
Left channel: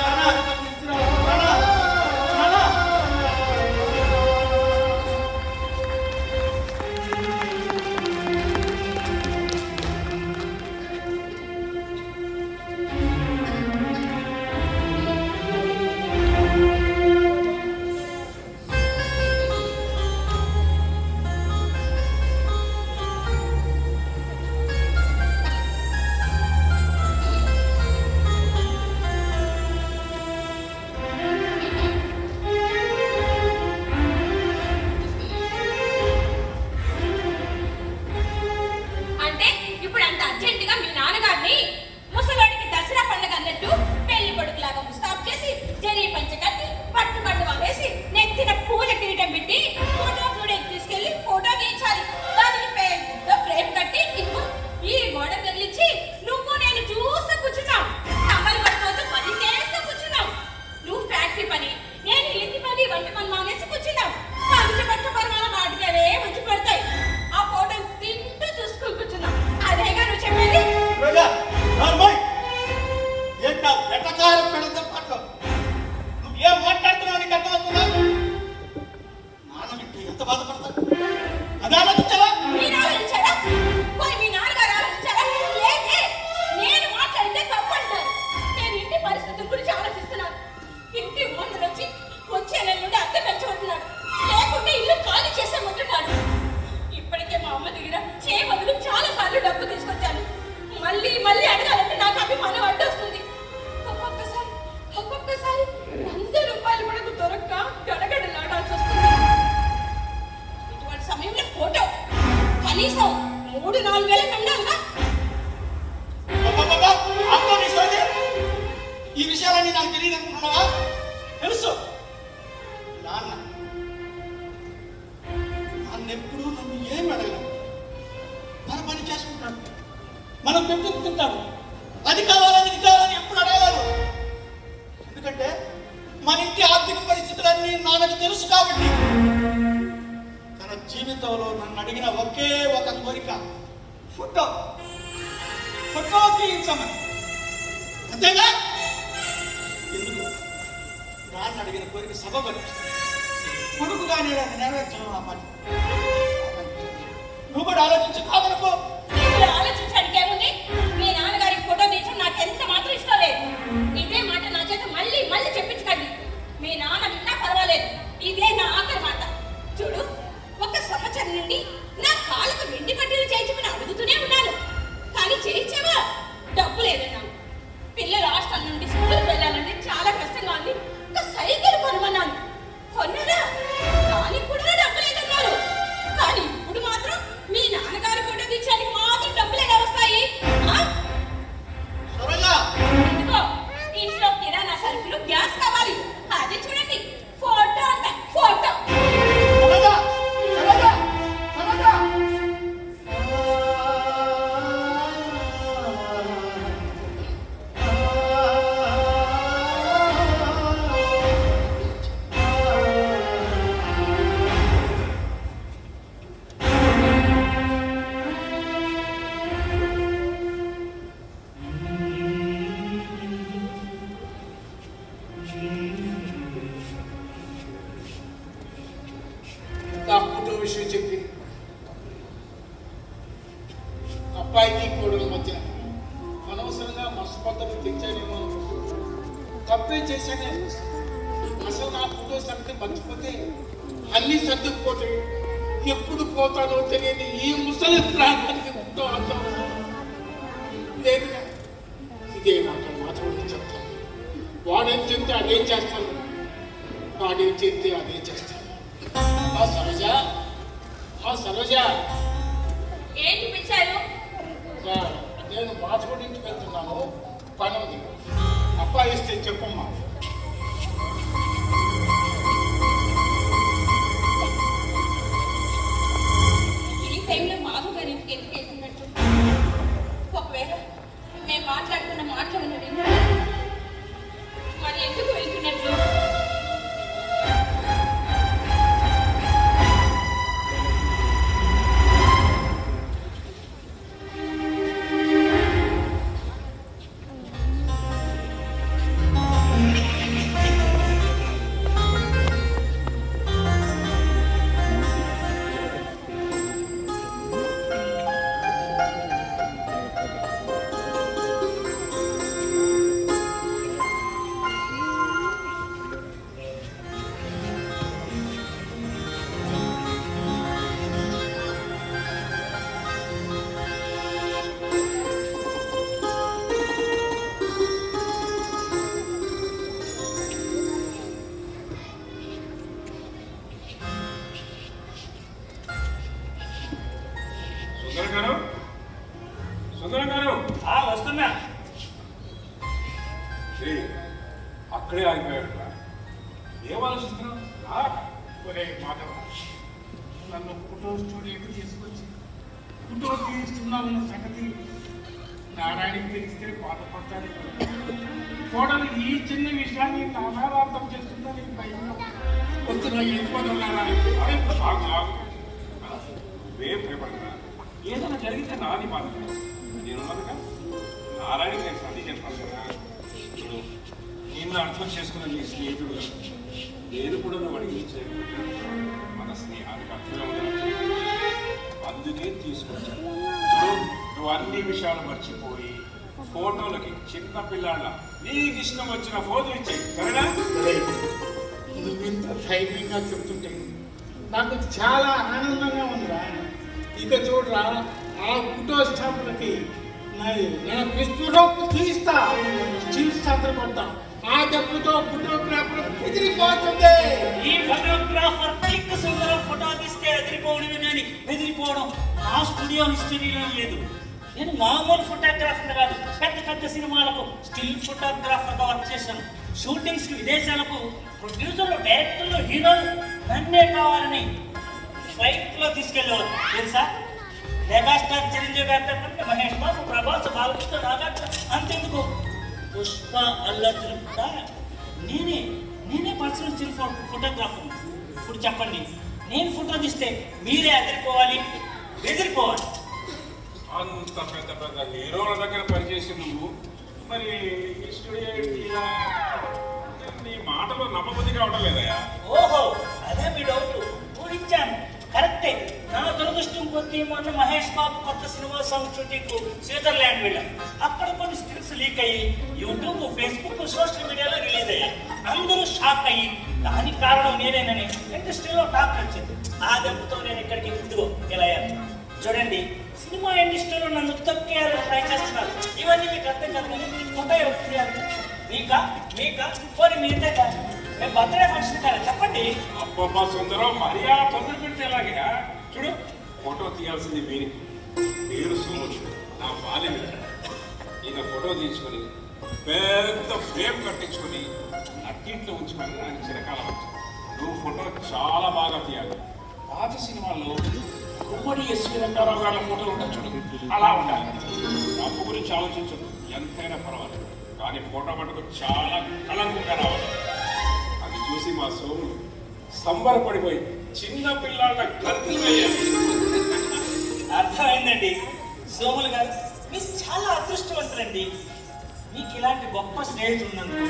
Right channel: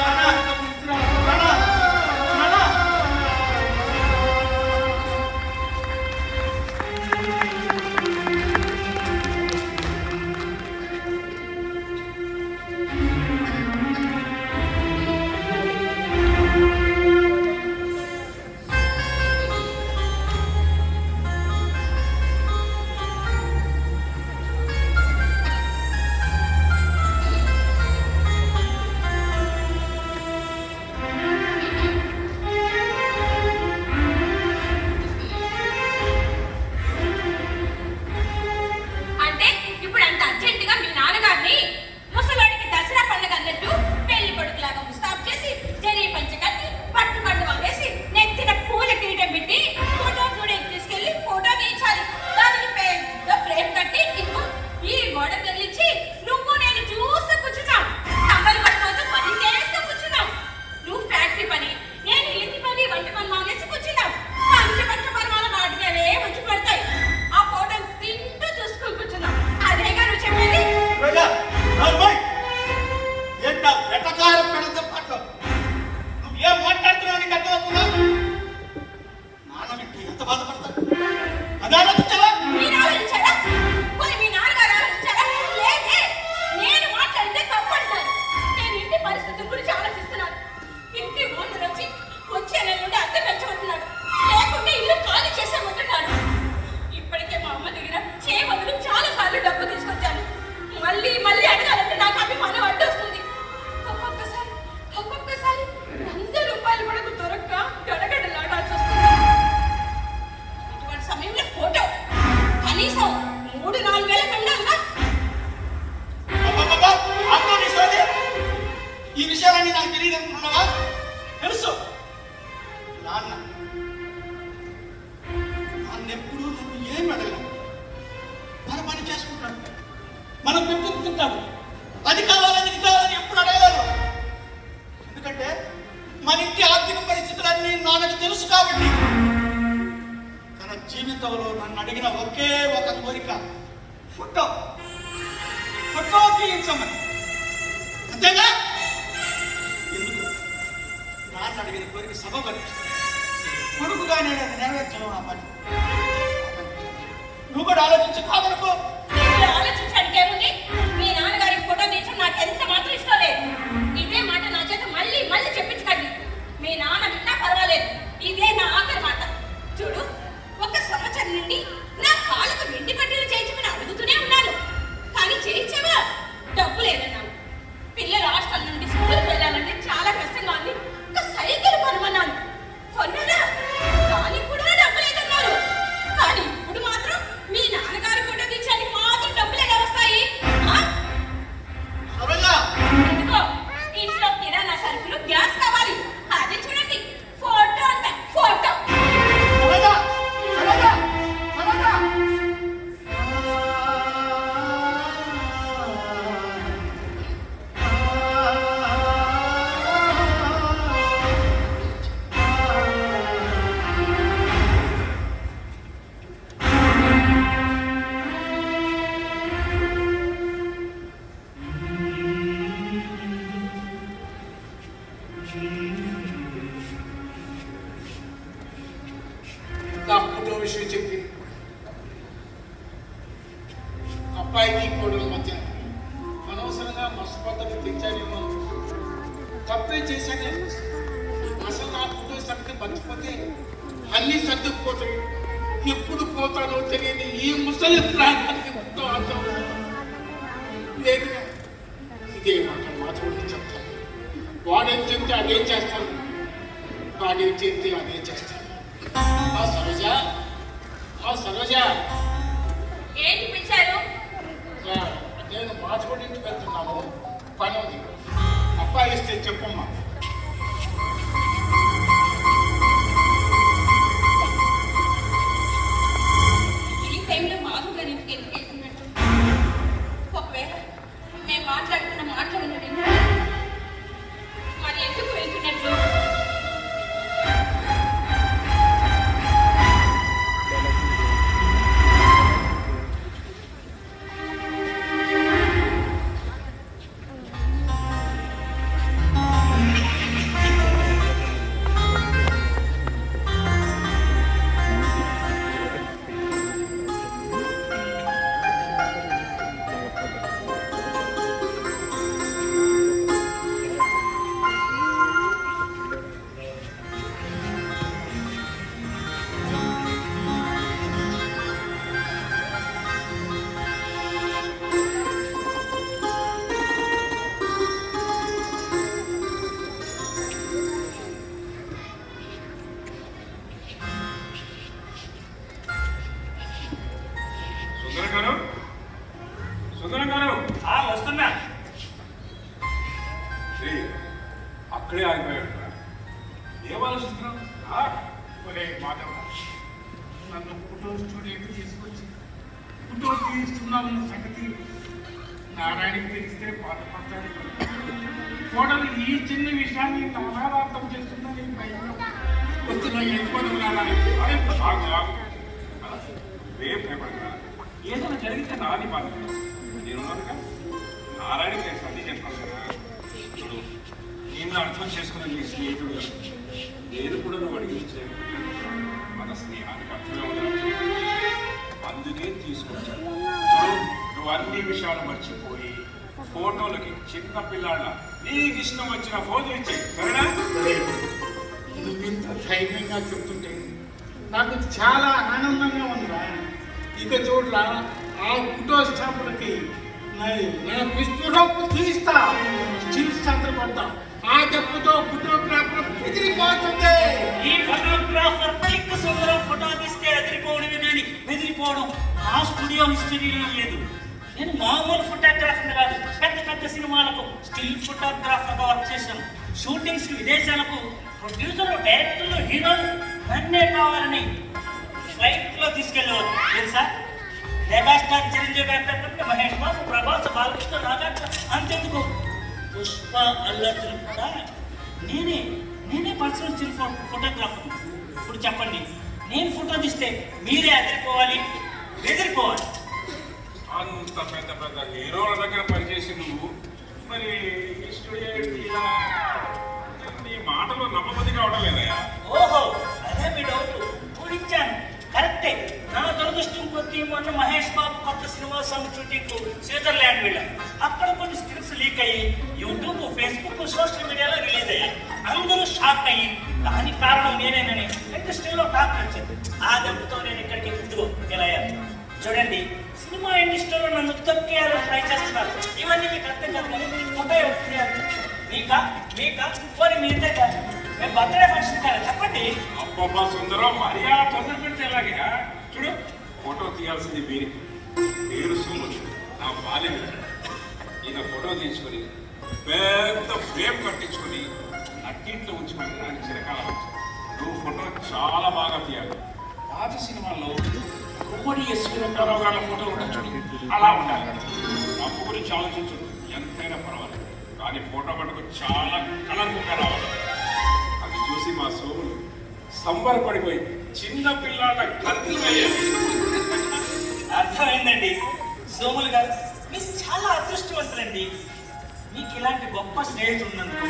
మనం పెట్టుకుంటాము. అది కావాలని ఇది కావాలని ఎప్పుడు అడగలేదు. ఎందుకంటే మన ఇంటి ఆర్థిక పరిస్థితులన్నీ నాన్నకు తెలుసు కాబట్టి. తన జీవితంలో నన్ను అడిగిన ఒకే ఒక కోరిక ఫోటో తీయించమని. అంతేగా? ఎందుకు? నాన్న అడిగిన కోరిక సబబని కొడుకుగా నేను అది నెరవేర్చడం నా పని. నువ్వు కూడా ఆలోచించి కాదనుకో. ఇందులో ఆలోచించడానికి ఏముంది? మీ నాన్నగారికి ఫోటో తీయడం నాకు ఎంత మాత్రం ఇష్టం లేదు. ఇదే మాట నా చేత మళ్ళీ మళ్ళీ చెప్పించకండి. మీ నాన్న విన్నా పర్వాలేదు, ఇదే నా ఆఖరి మాట. చూడు, ఒక సంవత్సరం నుండి నా కాళ్ళకు వెండి పట్టీలు చేయించమని అడుగుతూనే ఉన్నాను, కానీ చేయించావా? డబ్బు లేదన్నావు. పిల్లలు హాస్టల్ నుండి స్కూల్కి వెళ్ళాలంటే చాలా కష్టంగా ఉంది, ఒక సైకిల్ కొనమన్నాను, కొన్నారా? దానికి కూడా డబ్బు లేదన్నారు. కానీ ఇప్పుడు మాత్రం మీ నాన్నగారు ఫోటో తీయడానికి మాత్రం డబ్బులు ఎలా వస్తాయి? సరోజ, ఇదిగో, ఇంట్లో కిరాణా సరుకులు, గ్యాస్ కావాలి, అది చూడండి. ఫోటో అంట, ఫోటో. సరోజ, సరోజ, సరోజ. నా ఫోటో విషయం చెప్పి అబ్బాయికి కోడల మధ్య అనవసరంగా మస్తపత్రం తెచ్చానేమో, తప్పే చేశానే. అసలు నా ఫోటో సంగతి మర్చిపోతే అన్ని సర్దుకుపోతాయి. ఎప్పుడు పోతానో తెలియని ఈ ముసలి ప్రాంతానికి ఎంతో అర్థం లేదుగా. ఇదే మాట మాత్రం చెప్తాను. వాడేం చెప్తే అదే చేస్తాను, వాడేం చెప్తే అదే చేస్తాను. ఆ సరోజ, ఆ సరోజ, ఏంటి పిలిచారు? నేను మాచపడి ఇంటికి వెళ్తున్నాను, పని ఉంది. అబ్బాయి ఇస్తే చెప్పమ్మా. ఈ టైంలో మాధు గారి ఇంటికి ఎందుకు వెళ్తున్నట్టు? ఒకవేళ మేము మాట్లాడుతున్న మాటలు ఉన్నది మరి ఎందుకు వెళ్తున్నట్లు? సుందరం గారు, వస్తున్నా. అక్కడే ఆగిపోయాడు. ఏం ఆలోచిస్తున్నావు? ఒరే మాధవ, నన్ను ఫోటో స్టూడియోకి తీసుకొచ్చి ఫోటో తీస్తున్నామన్న సంగతి నారాయణకి తెలిస్తే బాధపడతాను. కోడలు ఈ చిన్న విషయాన్ని నానా అర్థం చేస్తుందని భయంగా వస్తున్నా. వెళ్ళిపోవడం రేపు రేపటిగా ఏదైనా జరిగితే నాది బాధ. నేను నారాయణకి నేను సర్ది చేస్తాను కదా. ఇప్పుడు నిన్ను అర్థం చేసుకున్న నీ స్నేహితుడు నేను కూడా నువ్వు అడిగించే మన స్నేహానికి అర్థంగా ఉంది. అందుకే తీసుకొచ్చాను. నువ్వు అన్ని విషయాలు మర్చిపోయి ఫోటోలకి చిన్న పిల్లాళ్ళ నీకు ఇష్టం వచ్చిన ఫోటో ఇచ్చేయి, సరేనా? నువ్వు ఇంత ధైర్యంగా చెప్తుంటే నాకు చాలా ఆనందంగా ఉందా. ఇక చూడరా, ఆ ఫోటో స్టాంపులకి నా విశ్వరూపు తీస్తా, స్టిల్ పడతా. ఆ డబ్బుతో ఫోటోగ్రాఫర్ బెదిరిపోతుంది. ఈ ఫోటోగ్రాఫర్ పిక్ సుందరం ఫోటో తీస్తే అదిరిపోవడమే కానీ బెదిరిపోవడం ఆ స్టూడియో హిస్టరీలో లేదు. నేను మామూలు ఫోటోగ్రాఫర్ కాదు, పెద్ద పెద్ద సినిమాలకు స్టిల్ ఫోటోగ్రాఫర్గా వర్క్ చేశాను. షూటింగ్స్ విదేశాలకు ప్రొడ్యూసర్లు, డైరెక్టర్లు, హీరోలు నన్నే కావాలని ఫ్లైట్లో తీసుకెళ్ళేవారు తెలుసా. మెగాస్టార్ చిరంజీవి గారి, మహేష్ బాబు, ప్రభాస్, బాలకృష్ణ, నాగార్జున, అంతెందుకు పుష్ప, అల్లర్జున్ కూడా నేనే పర్సనల్ స్టిల్ ఫోటోగ్రాఫర్. ఇప్పుడు చెప్పండి, నేను ఫోటో తీస్తే మీరే అదిరిపోవాలి, బెదిరిపోవాలి. అంత పెద్ద పెద్ద హీరోల దగ్గర పనిచేసి నువ్వు మరి ఇలా నీ మాటలో నమ్మబుద్ధి కావడం లేదయా? ఓహో, అదే మీ డౌట్. ఊహించాను. కరెక్టే. నా దురదృష్టం కొద్దీ మొన్న మహేష్ బాబు కొత్త సినిమా సాంగ్ షూటింగ్ స్విట్జర్లాండ్ వెళ్ళాం. అక్కడ కొన్ని స్క్రిప్ట్స్ లీక్ అయ్యి యూట్యూబ్, ఫేస్బుక్, సోషల్ మీడియాలో రిలీజ్ అయ్యాయి. అందరూ షాక్ అయ్యి దానికి కారణం నేనేనని ఇండస్ట్రీలో టాక్ వచ్చింది. ఆ దెబ్బతో నేను ఇక్కడికి ఇదిగో ఇలా అయ్యాను. చూడండి, సినిమా ఇండస్ట్రీలో నన్ను తొక్కేయాలని ట్రై చేస్తున్నారు. ఇవన్నీ మీకు అర్థం కాదు. ఫోటో మీకా పోనీ మీదే కాదు. మేము బర్త్డే ఫంక్షన్ కదా, చెప్పండి. అబ్బబ్బా సుందరం, మర్యాద తొందర పెడితే ఎలాగే? చూడు, ఫోటో తీయాల్సింది మీరే. నేను సోముడు, నా బాల్యం ఈయన ఫోటో తీసుకొని పెద్ద ఫ్రేమ్ కట్టించుకొని నట్టింట్లో ఉంచుకొని నాకు చిరకాలం వచ్చింది. నువ్వు ఫోటో చాలా బాగా తీయాలి. పాత సినిమాల్లో ఉమ్మడి ఎస్వి రంగారావు గారి ఫోటోలు ఉంటాయి చూడు, అలా ఉండాలి. అప్పు గురించి ఆలోచించదు, ఎంతైనా పర్వాలేదు, కానీ ఫోటో మటుకు చాలా కలర్ఫుల్గా రావాలి. అది చూసి మా సోములు సంబరపడిపోయి చిన్న పిల్లాడ గర్తులు అయ్యాయి. అర్థమైందండి. సోములు గారు, మీరు చాలా అదృష్టవంతులండి. మీకు ఇలాంటి గొప్ప స్నేహితులు ఉన్నందుకు.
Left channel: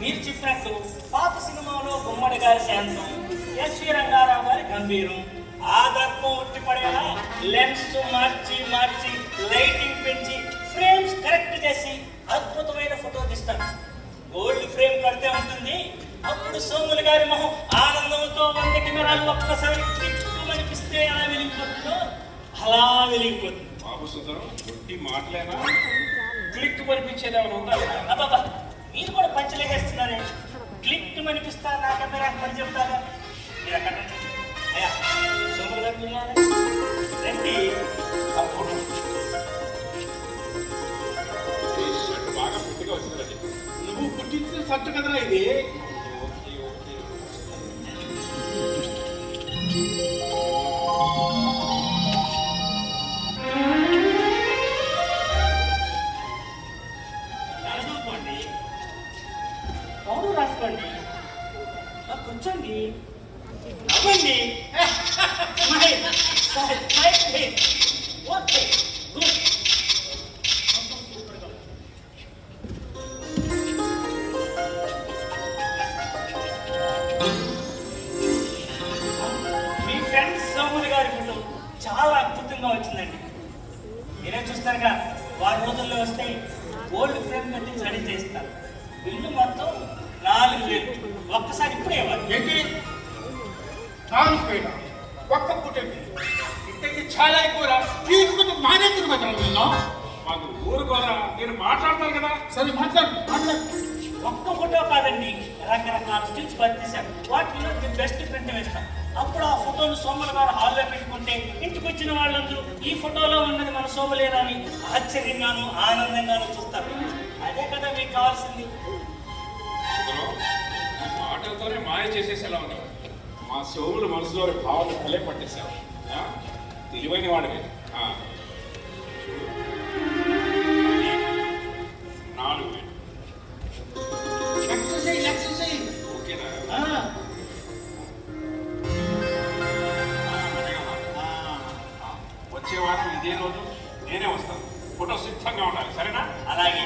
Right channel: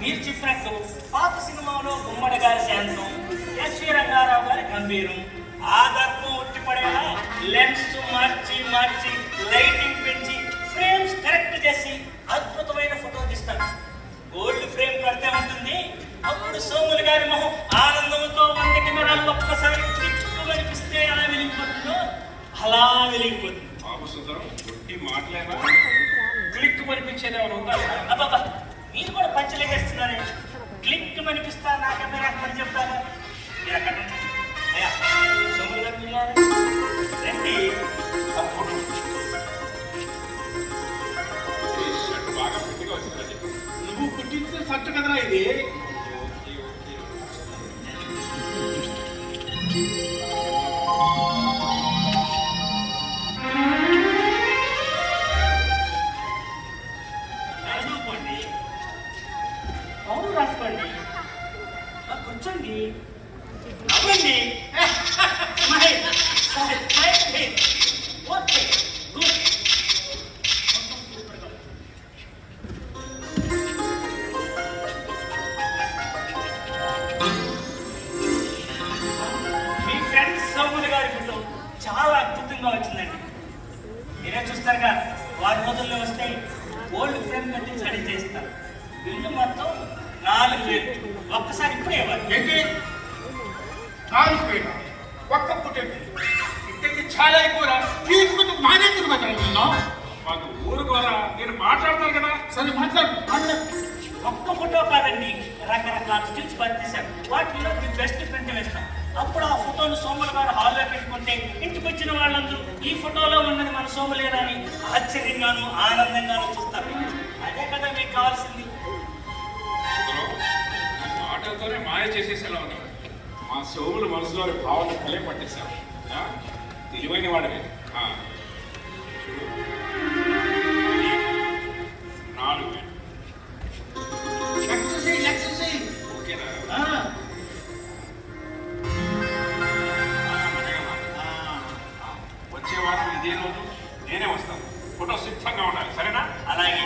మీరు చెప్పినట్టు పాత సినిమాలో గుమ్మడి గారి శాంతం, ఎస్వి రంగారావు గారి గంభీరం, ఆ దర్పం ఉట్టిపడేలా లెన్స్ మార్చి లైటింగ్ పెంచి ఫ్రేమ్స్ కరెక్ట్ చేసి అద్భుతమైన ఫోటో తీస్తాను. గోల్డ్ ఫ్రేమ్ కడితే ఉంటుంది, అప్పుడు సోములు గారి మొహం ఆనందంతో 100 కెమెరాలు ఒక్కసారి అనిపిస్తే ఎలా వెలిగిపోతుందో అలా వెలిగిపోతుంది. బాబు సుందరం, ఒట్టి మాటలేనా? క్లిక్ మనిపించేది ఏమైనా ఉందా? అబ్బాబా, మీరు కూడా పంచలేకేస్తున్నారే. క్లిక్ మనిపిస్తా నా కెమెరా పని చెప్తారా? మీరు అక్కడ అయ్యా సోములు గారు ఉన్నారు రండి. అప్పుడు షర్ట్ బాగా ఫిట్గా వచ్చిందని నువ్వు కుట్టించిన షర్ట్ కదరా ఇది. రాసుకోండి, పౌరు రాసుకోండి, కూర్చోండి, నవ్వండి. Okay, good. మీ ఫ్రెండ్స్ సోములు గారి ఫోటో చాలా అద్భుతంగా వచ్చిందండి. మీరే చూస్తారుగా, వారి రోజుల్లో వస్తే గోల్డ్ ఫ్రేమ్ కట్టి రెడీ చేస్తారు. బిల్లు మొత్తం 4,000. ఒక్కసారి ఇప్పుడే ఇవ్వాలి. ఏంటి 4,000? ఒక్క పుట్టండి ఇంతకి చాలా ఎక్కువ. తీసుకుంటూ మానేందుకు కదా నిన్ను. మాకు ఊరు ద్వారా నేను మాట్లాడతాను కదా. సరే మాట్లాడు. ఒక్క ఫోటో కాదండి, రకరకాల స్టిల్స్ పనిచేశారు. వాటిలో మీ బెస్ట్ ప్రింట్ వేస్తాం. అప్పుడు ఆ ఫోటోను సోములు గారు హాల్లో పెట్టుకుంటే ఇంటికి వచ్చిన వాళ్ళందరూ ఈ ఫోటోలో ఉన్నది మన సోములేనా అని ఆశ్చర్యంగాను ఆనందంగాను చూస్తారు. అదే కదా మీకు కావాల్సింది. సుందరం, మాటలతోనే మాయ చేసేసేలా ఉన్నావు. మా సోములు మనసులో భావాలు భలే పట్టేశావు. తెలివైన వాడవే. చూడు, 4,000 ఎక్సర్సైజ్ ఓకేనా? వచ్చే వారం ఇదే రోజు నేనే వస్తాను. ఫోటో సిద్ధంగా ఉండాలి, సరేనా? అలాగే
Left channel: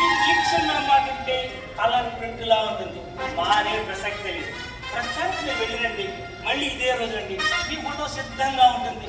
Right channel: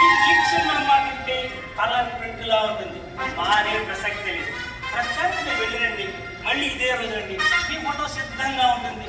ఈ క్లిక్స్ మనం మాట్లాడితే కలర్ ప్రింట్ లా ఉంటుంది, మారే ప్రసక్తి తెలియదు. ప్రస్తుతానికి మీరు వెళ్ళిరండి, మళ్ళీ ఇదే రోజు రండి, మీ ఫోటో సిద్ధంగా ఉంటుంది.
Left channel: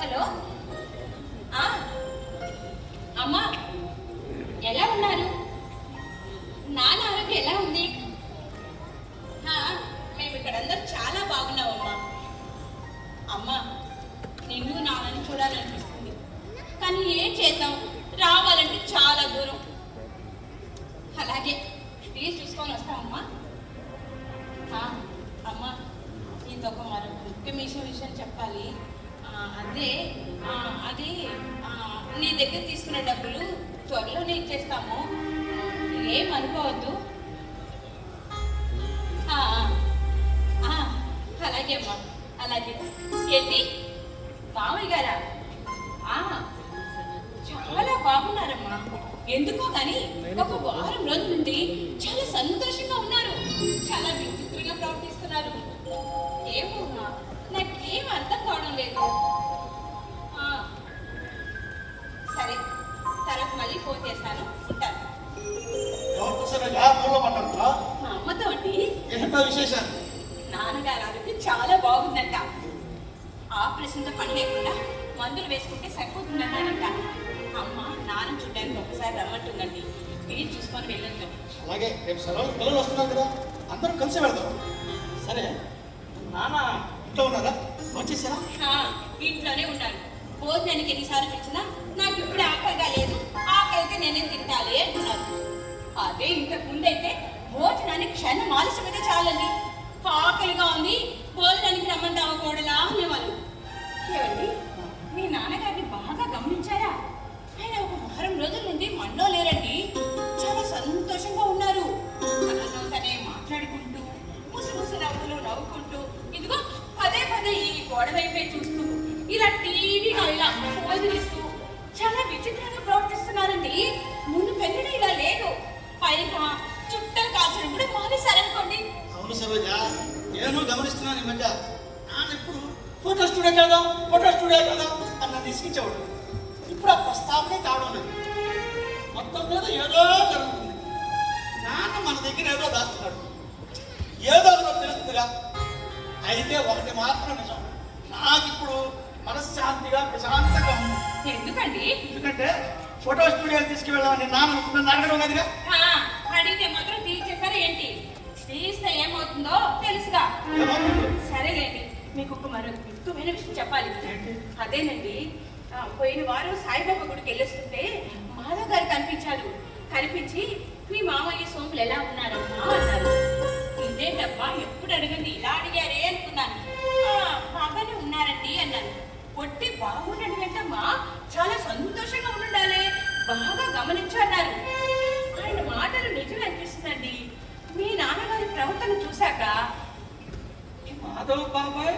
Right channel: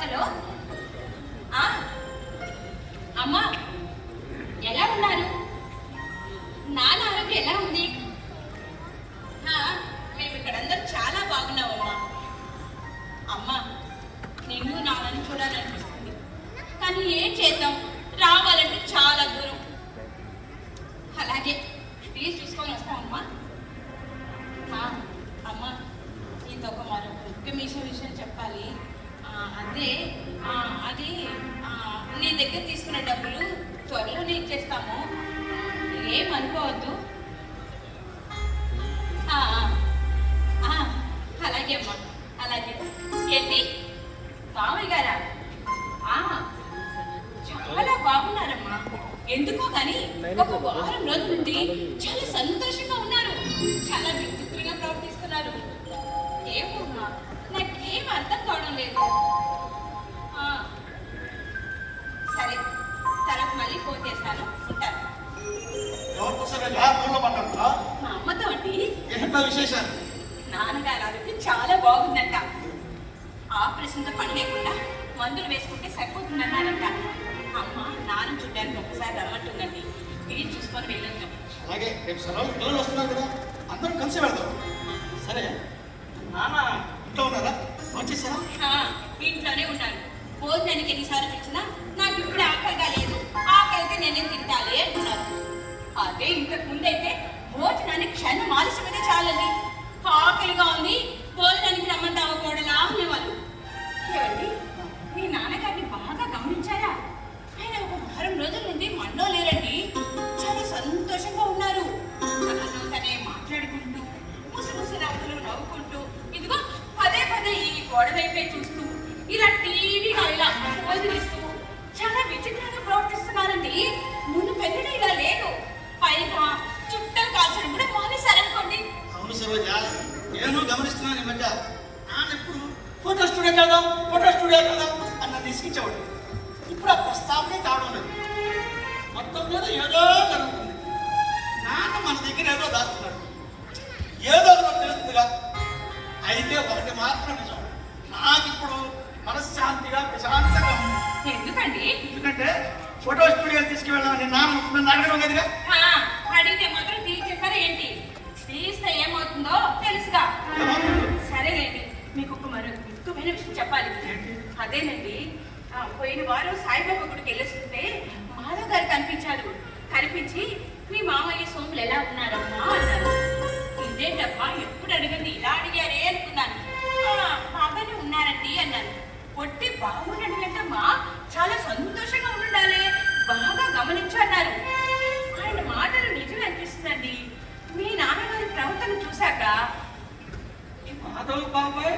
హలో, అమ్మా ఎలా ఉన్నారు? నాన్న ఆరోగ్యం ఎలా ఉంది? మేము ఇక్కడందరూ చాలా బాగున్నామమ్మా. అమ్మా, నిన్ను నాన్నని చూడాలనిపిస్తుంది, కానీ ఏం చేద్దాం, రావాలంటే చాలా దూరం. అలాగే ప్లీజ్ చూసుకొని వస్తామమ్మా. అమ్మా, ఇంకొక మరొక ముఖ్యమైన విషయం చెప్పాలి. అదే అది చేస్తాము. ఏమనుకోవద్దు. ఆ, ఆ, అలాగే అమ్మా, అలాగే. ఏంటి మామయ్య గారా? చాలా బాగున్నారమ్మా. ఎందుకో కానీ ఒక వారం రోజుల నుండి చాలా సంతోషంగా ఉన్నారు. చాలా విచిత్రంగా ప్రవర్తిస్తున్నారు. ఏమో అమ్మా, నాకేం అర్థం కావడం లేదు. సరే, తర్వాత మళ్ళీ ఫోన్ చేస్తాను. ఉంటాను. ఎవరితో సరే యార్ ఊళ్ళో పడ్డా? మా అమ్మతో అండి. ఏంటో విశేషాలు? నాన్నగారు ఆరోగ్యం చాలా బాగుందంట. ఆపరేషన్తో పని లేకుండా మందులు వేసుకుంటే సరిపోతుందన్నారంట. అమ్మ నాన్న చూడ్డానికి ఒకసారి రమ్మంటుందండి. వీలు చూసుకొని వెళ్ళొద్దాం. అలాగే రేపు సెలవులు పిల్లలు వస్తున్నారు కదా, అందరం కలిసి వెళ్దాం. సరే, నాన్న ఇంట్లో ఉన్నారా? వచ్చేసారా? ఇంట్లోనే ఉన్నాను. భోజనానికి ఎన్నిసార్లు పిలిచినా నాకు ఇప్పుడు ఆకలిగా లేదు, ఆకలితే నేనేం తింటాలి అంటున్నారు. అదే ఇంతకు ముందైతే భోజనానికి క్షణం ఆలస్యమైతే చాలండి. ఆకలిగా ఉంది, భోజనానికి రమ్మంటావా కోడలా అనేవాళ్ళు. ఏమండి, మీ నాన్నగారిని బాగా గమనించారా? ఆయన ఒక వారం రోజుల నుండి మనలో లేరండి. చాలా సంతోషంగా ఉన్నారు. తనలో తనే మాట్లాడుకుంటూ ముసిముసి నవ్వులు నవ్వుకుంటూ, ఇదిగో పదే పదే ఈ గోడ వైపే చూస్తూ, ఇలా టీవీగా ఇలా పోజులిస్తూ చాలా విచిత్రంగా ప్రవర్తిస్తున్నారండి. ముందు పెళ్ళిన ఇలా లేదు. పైగా చుట్టూ కాల్చడం కూడా మానేశారనుకోండి. అవును సరోజ, నేను గమనిస్తున్నాను ఈ మధ్య. నాన్న ఎప్పుడు ఫోటో స్టూడియో కదా అన్న తీసుకొచ్చేవాడు. ఇప్పుడు ఆ ప్రస్తావనే కావడం లేదు. మొత్తం మీద ఏదో జరుగుతుంది. నాన్న మన దగ్గర ఏదో దాస్తున్నాడు. ఏదో మనకు తెలుస్తుందిగా. అయితే ఒకటి మాత్రం నిజం, నాకు ఇప్పుడు మనశ్శాంతిగా ప్రశాంతంగా ఉంది. ఎందుకండి? ఎందుకంటే ఫోటో స్టూడియో తీసుకువెళ్ళామని నాన్న నన్ను అడగడం లేదుగా. అడిగితే మాత్రం తీసేస్తారా ఏంటి? తీస్తే ఏమవుతుందో తెలుసుగా. సరేలేండి, మీకు ఒక మరో ముఖ్యమైన విషయం చెప్పాలి. అదేనండి, పోయిన వారం సాయిబాబా గుడికి వెళ్ళొస్తుంటే మాధవ్ గారు కనిపించారు. కనిపించి మీ మామయ్య సోములు ఎలా ఉన్నారమ్మా అన్నారు. ఇదేంటమ్మా ఎప్పుడు అడిగింది ఇలా అడిగారే అనుకున్నాను. బాగానే ఉన్నారండి అన్నాను. పొట్టి బాగుండండి వెంటమ్మా, చాలా సంతోషంగా ఉండాలి, బాగా గమనించు అన్నారు. ఆయన మాటలు నిజం అనిపిస్తుందండి. మీ నాన్నగారి ప్రవర్తన చూశాక. మాధవ్ బాబాయ్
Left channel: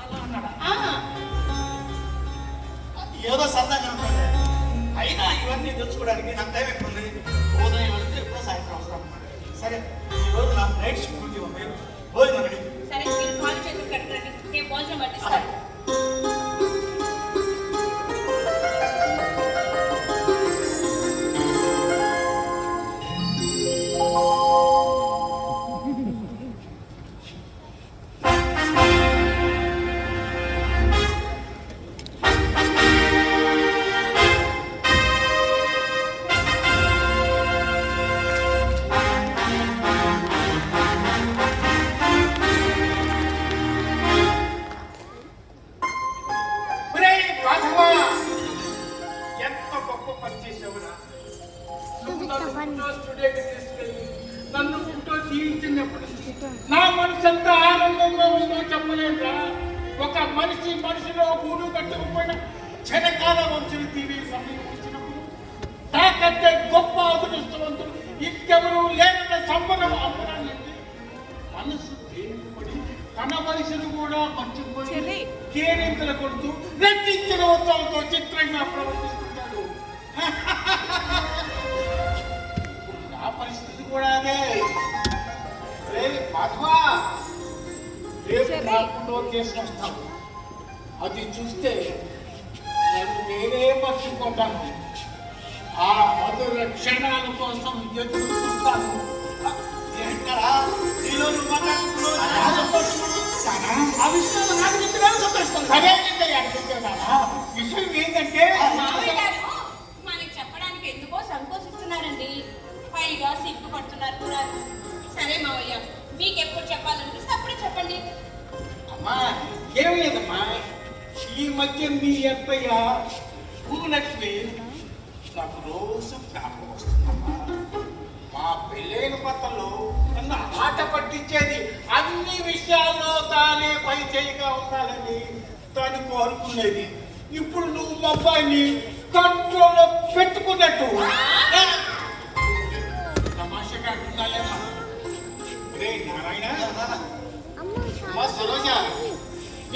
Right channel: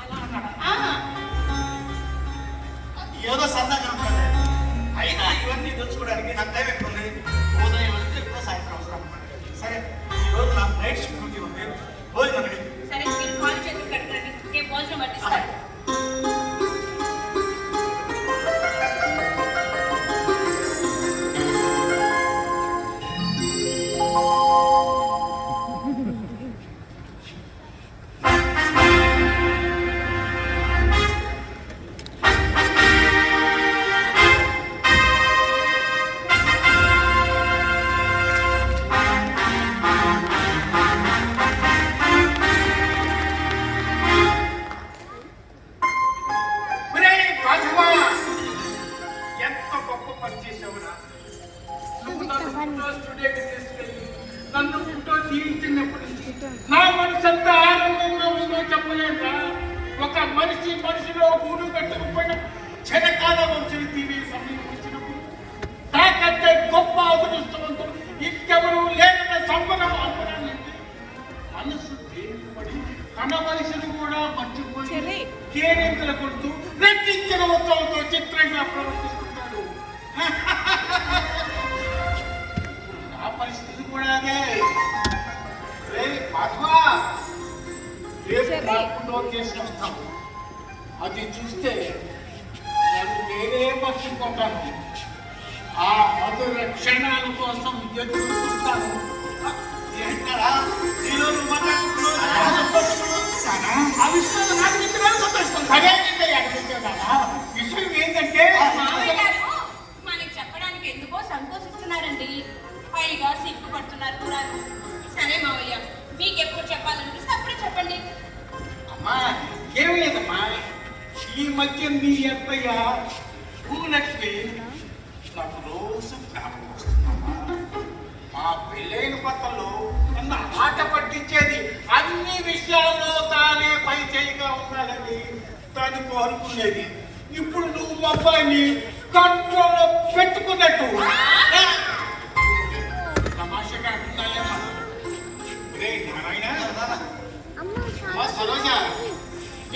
అలా అన్నాడా? ఏదో సరదాగా ఉంటాడు. అయినా ఇవన్నీ తెలుసుకోవడానికి నాకు టైం ఎక్కువ ఉంది. ఉదయం వెళ్తే ఎప్పుడో సాయంత్రం అవసరం. సరే, ఈరోజు నాకు నైట్ షిఫ్ట్ డ్యూటీ ఉంది. భోజనం రెడీ. సరే, మీరు కాలు చేతులు కట్టండి, నేను భోజనం పట్టిస్తాను. నన్ను ఫోటో తీయించినప్పుడు నా మనసు ఎంత ఆనందంగా ఉందో చెప్పలేక, ఒక మనిషిలో గూడు కట్టుకుపోయిన చెనకాల వంశం టీవీ సమీపించినప్పుడు నాకంటే గొప్ప అదృష్టవంతులు ఇంకెవరూ లేదన్న సంబరం అవ్వడానికి మనసు తేలిపడి తన మనిషిని కూడా మర్చిపోయి కేరింతలు కొడుతూ రెట్టించిన ఉత్సవంతో చిత్రంగా ప్రవర్తిస్తున్నాడు. నా పరిస్థితి కూడా అదే. రేపు కేసు వస్తాం. అది చూస్తే నన్ను నేనే మర్చిపోతాను. ఆ మధుర క్షణాల కోసం ఎదురు చూస్తాను. ఏంటారా ఈరోజు ఆ విషయంలో నాకు చెప్పినా సంతోషిస్తాను. అదే విషయం ఏంటంటే మామయ్య గారు మనకి చెప్పడానికి ఎందుకో సంకోచిస్తున్నారండి. పైగా సిగ్గుపడుతున్నారు కూడా. సరే మావయ్య, మీకు ఎప్పుడు చెప్పాలనిపిస్తే అప్పుడే చెప్పండి. అమ్మా, ఏం లేదమ్మా, ఈ మధ్య మీ అత్తయ్య భూలక్ష్మి నాకు రోజు జ్ఞాపకం వస్తుందమ్మా. మా పెళ్ళైన కొత్తలో నన్ను ఆట పట్టించేది. అన్ని విషయాల్లో తానే పై చేయిగా ఉండాలని తాను కోరుకునేది. ఇప్పుడు నువ్వు మా అబ్బాయిని కంట్రోల్లో పెట్టుకున్నట్టు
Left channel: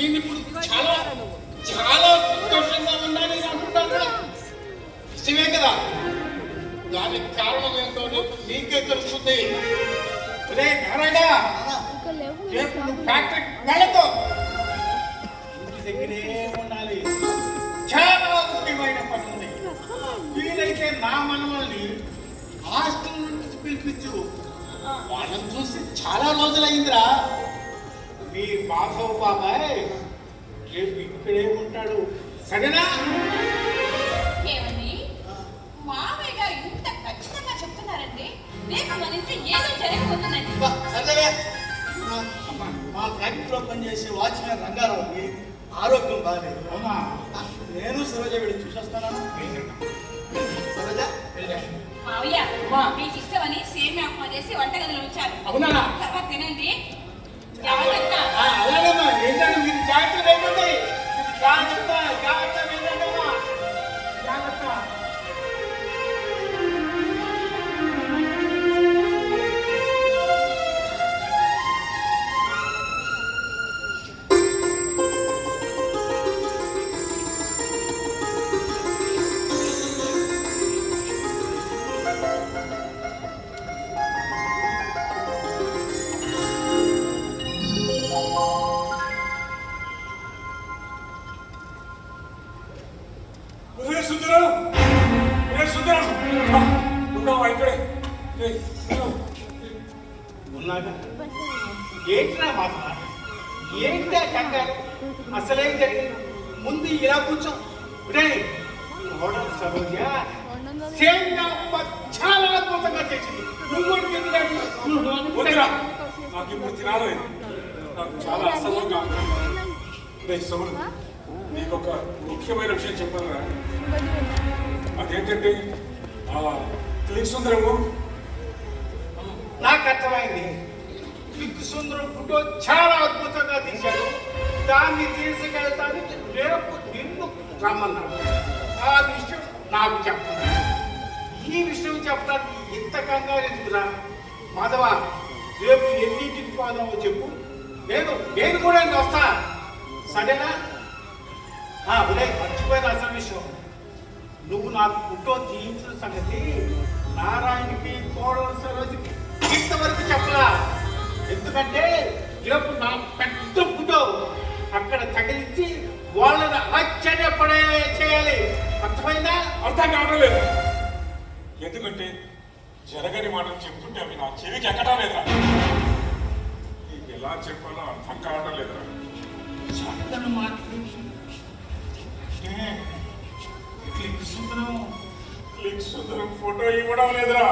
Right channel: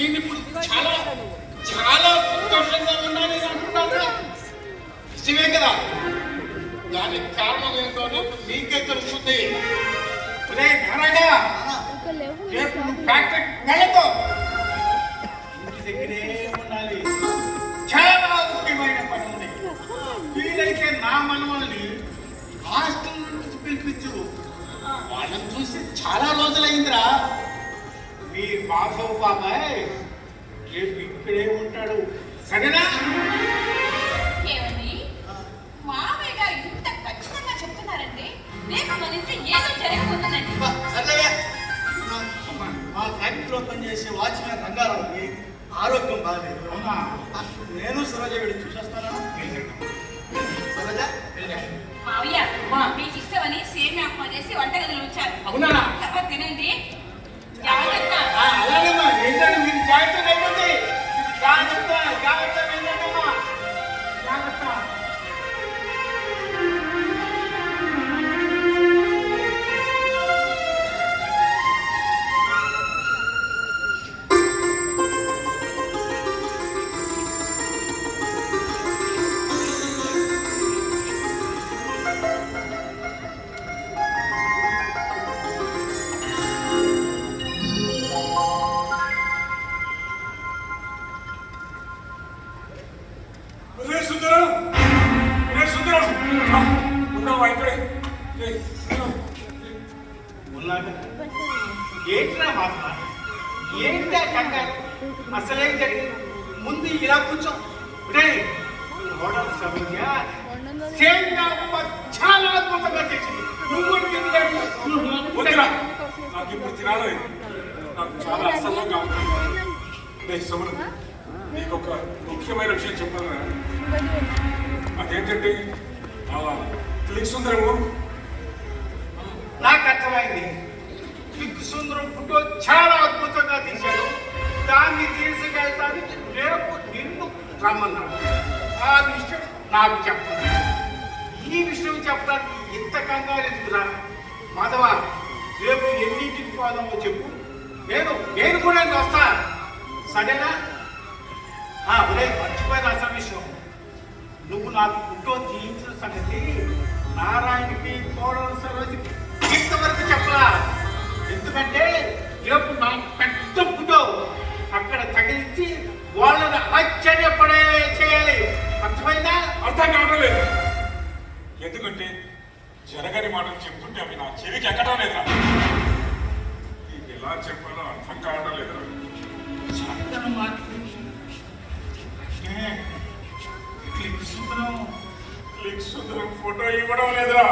నేను ఇప్పుడు చాలా చాలా సంతోషంగా ఉన్నానని అనుకుంటాను. నిజమే కదా? దానికి కారణం ఏంటో నీకే తెలుస్తుంది. రే నారాయణ, రేపు ఫ్యాక్టరీ వెళ్ళతో ఇంటి దగ్గరే ఉండాలి. చాలా ముఖ్యమైన పని ఉంది. వీలైతే నా మనవల్ని హాస్టల్ నుంచి పిలిపించు. వాళ్ళని చూసి చాలా రోజులైందిరా. మీ మాధవ్ బాబాయ్ రేపు ఇక్కడే ఉంటాడు, సరేనా? ఏమని మావయ్య గారు ఇంత ఖచ్చితంగా చెప్తున్నారంటే రేపు మన ఇంట్లో ఏదో జరగబోతుందండి. సరే, మా ఫ్యాక్టరీలో పనిచేసే వాచ్మెన్ రంగారావుకి ఆరోగ్యం బాగాలేదు. అవునా? నేను సరోజ వెళ్ళి చూసేస్తాను. సరోజ మావయ్య మీకు ఇష్టమని సేమియా ఉప్మా చేసి వంటగదిలో ఉంచారు. అవునా? తర్వాత తినండి. జాగ్రత్త. అలాగేమ్మా, ఏంటంటే మీరు జాగ్రత్త లేకపోతే జాగ్రత్త జాగ్రత్త ఏంటమ్మా, జాగ్రత్త. రే సుందరం, రే సుందరం, ఉన్నావా ఇక్కడే? రే సుందరం, ఉన్నాక ఏంట్రా మాట, ఏంటా కంగారు? అసలేం జరిగింది? ముందు ఇలా కూర్చో. రే హోటల్ సరోజ సేమియా ఉప్మా చాలా అద్భుతంగా చేసింది. నువ్వు కూడా వద్దురా, నాకు ఇప్పుడు తినాలి. నాకు చాలా అసహ్యంగా ఉంది. రే సుమన్, నీకు ఒక ముఖ్యమైన విషయం చెప్పాను. అదేంటంటే క్లిక్ సుందరము నాకు అర్థమైంది. క్లిక్ సుందరం ఫోటో చాలా అద్భుతంగా తీశాడు. దాన్ని తీసుకెళ్తానికి రేపు నిన్ను రమ్మన్నాడు. ఆ విషయం నాకు చెప్పండి. ఈ విషయం చెప్పడానికి ఇంత కంగారు ఎందుకురా? మాధవ, రేపు ఎన్నింటికి పోదామో చెప్పు. నేను కూడా వస్తా, సరేనా? ఉదయం మర్చిపోయిన అసలు విషయం, నువ్వు నాకు ఫోటో తీయించిన సంగతి నారాయణకి కోడలు సరోజకి ఇంతవరకు చెప్పరా. ఎందుకంటే రేపు నా పెద్ద ఫోటో అక్కడ తగిలించి వాళ్ళని ఆశ్చర్యపడే చేయాలి. అర్థమైందా? అర్థం కావట్లేదు. ఎందుకంటే జరగని మాటలు చెప్తుంటే అవి నా చెవికి ఎక్కడం లేదురా. నీకు ఎలా చెప్పాలో అర్థం కావడం లేదురా. చక్కని మాటలు క్లిక్ సుందరం ఫోటో ఇవ్వడం లేదురా.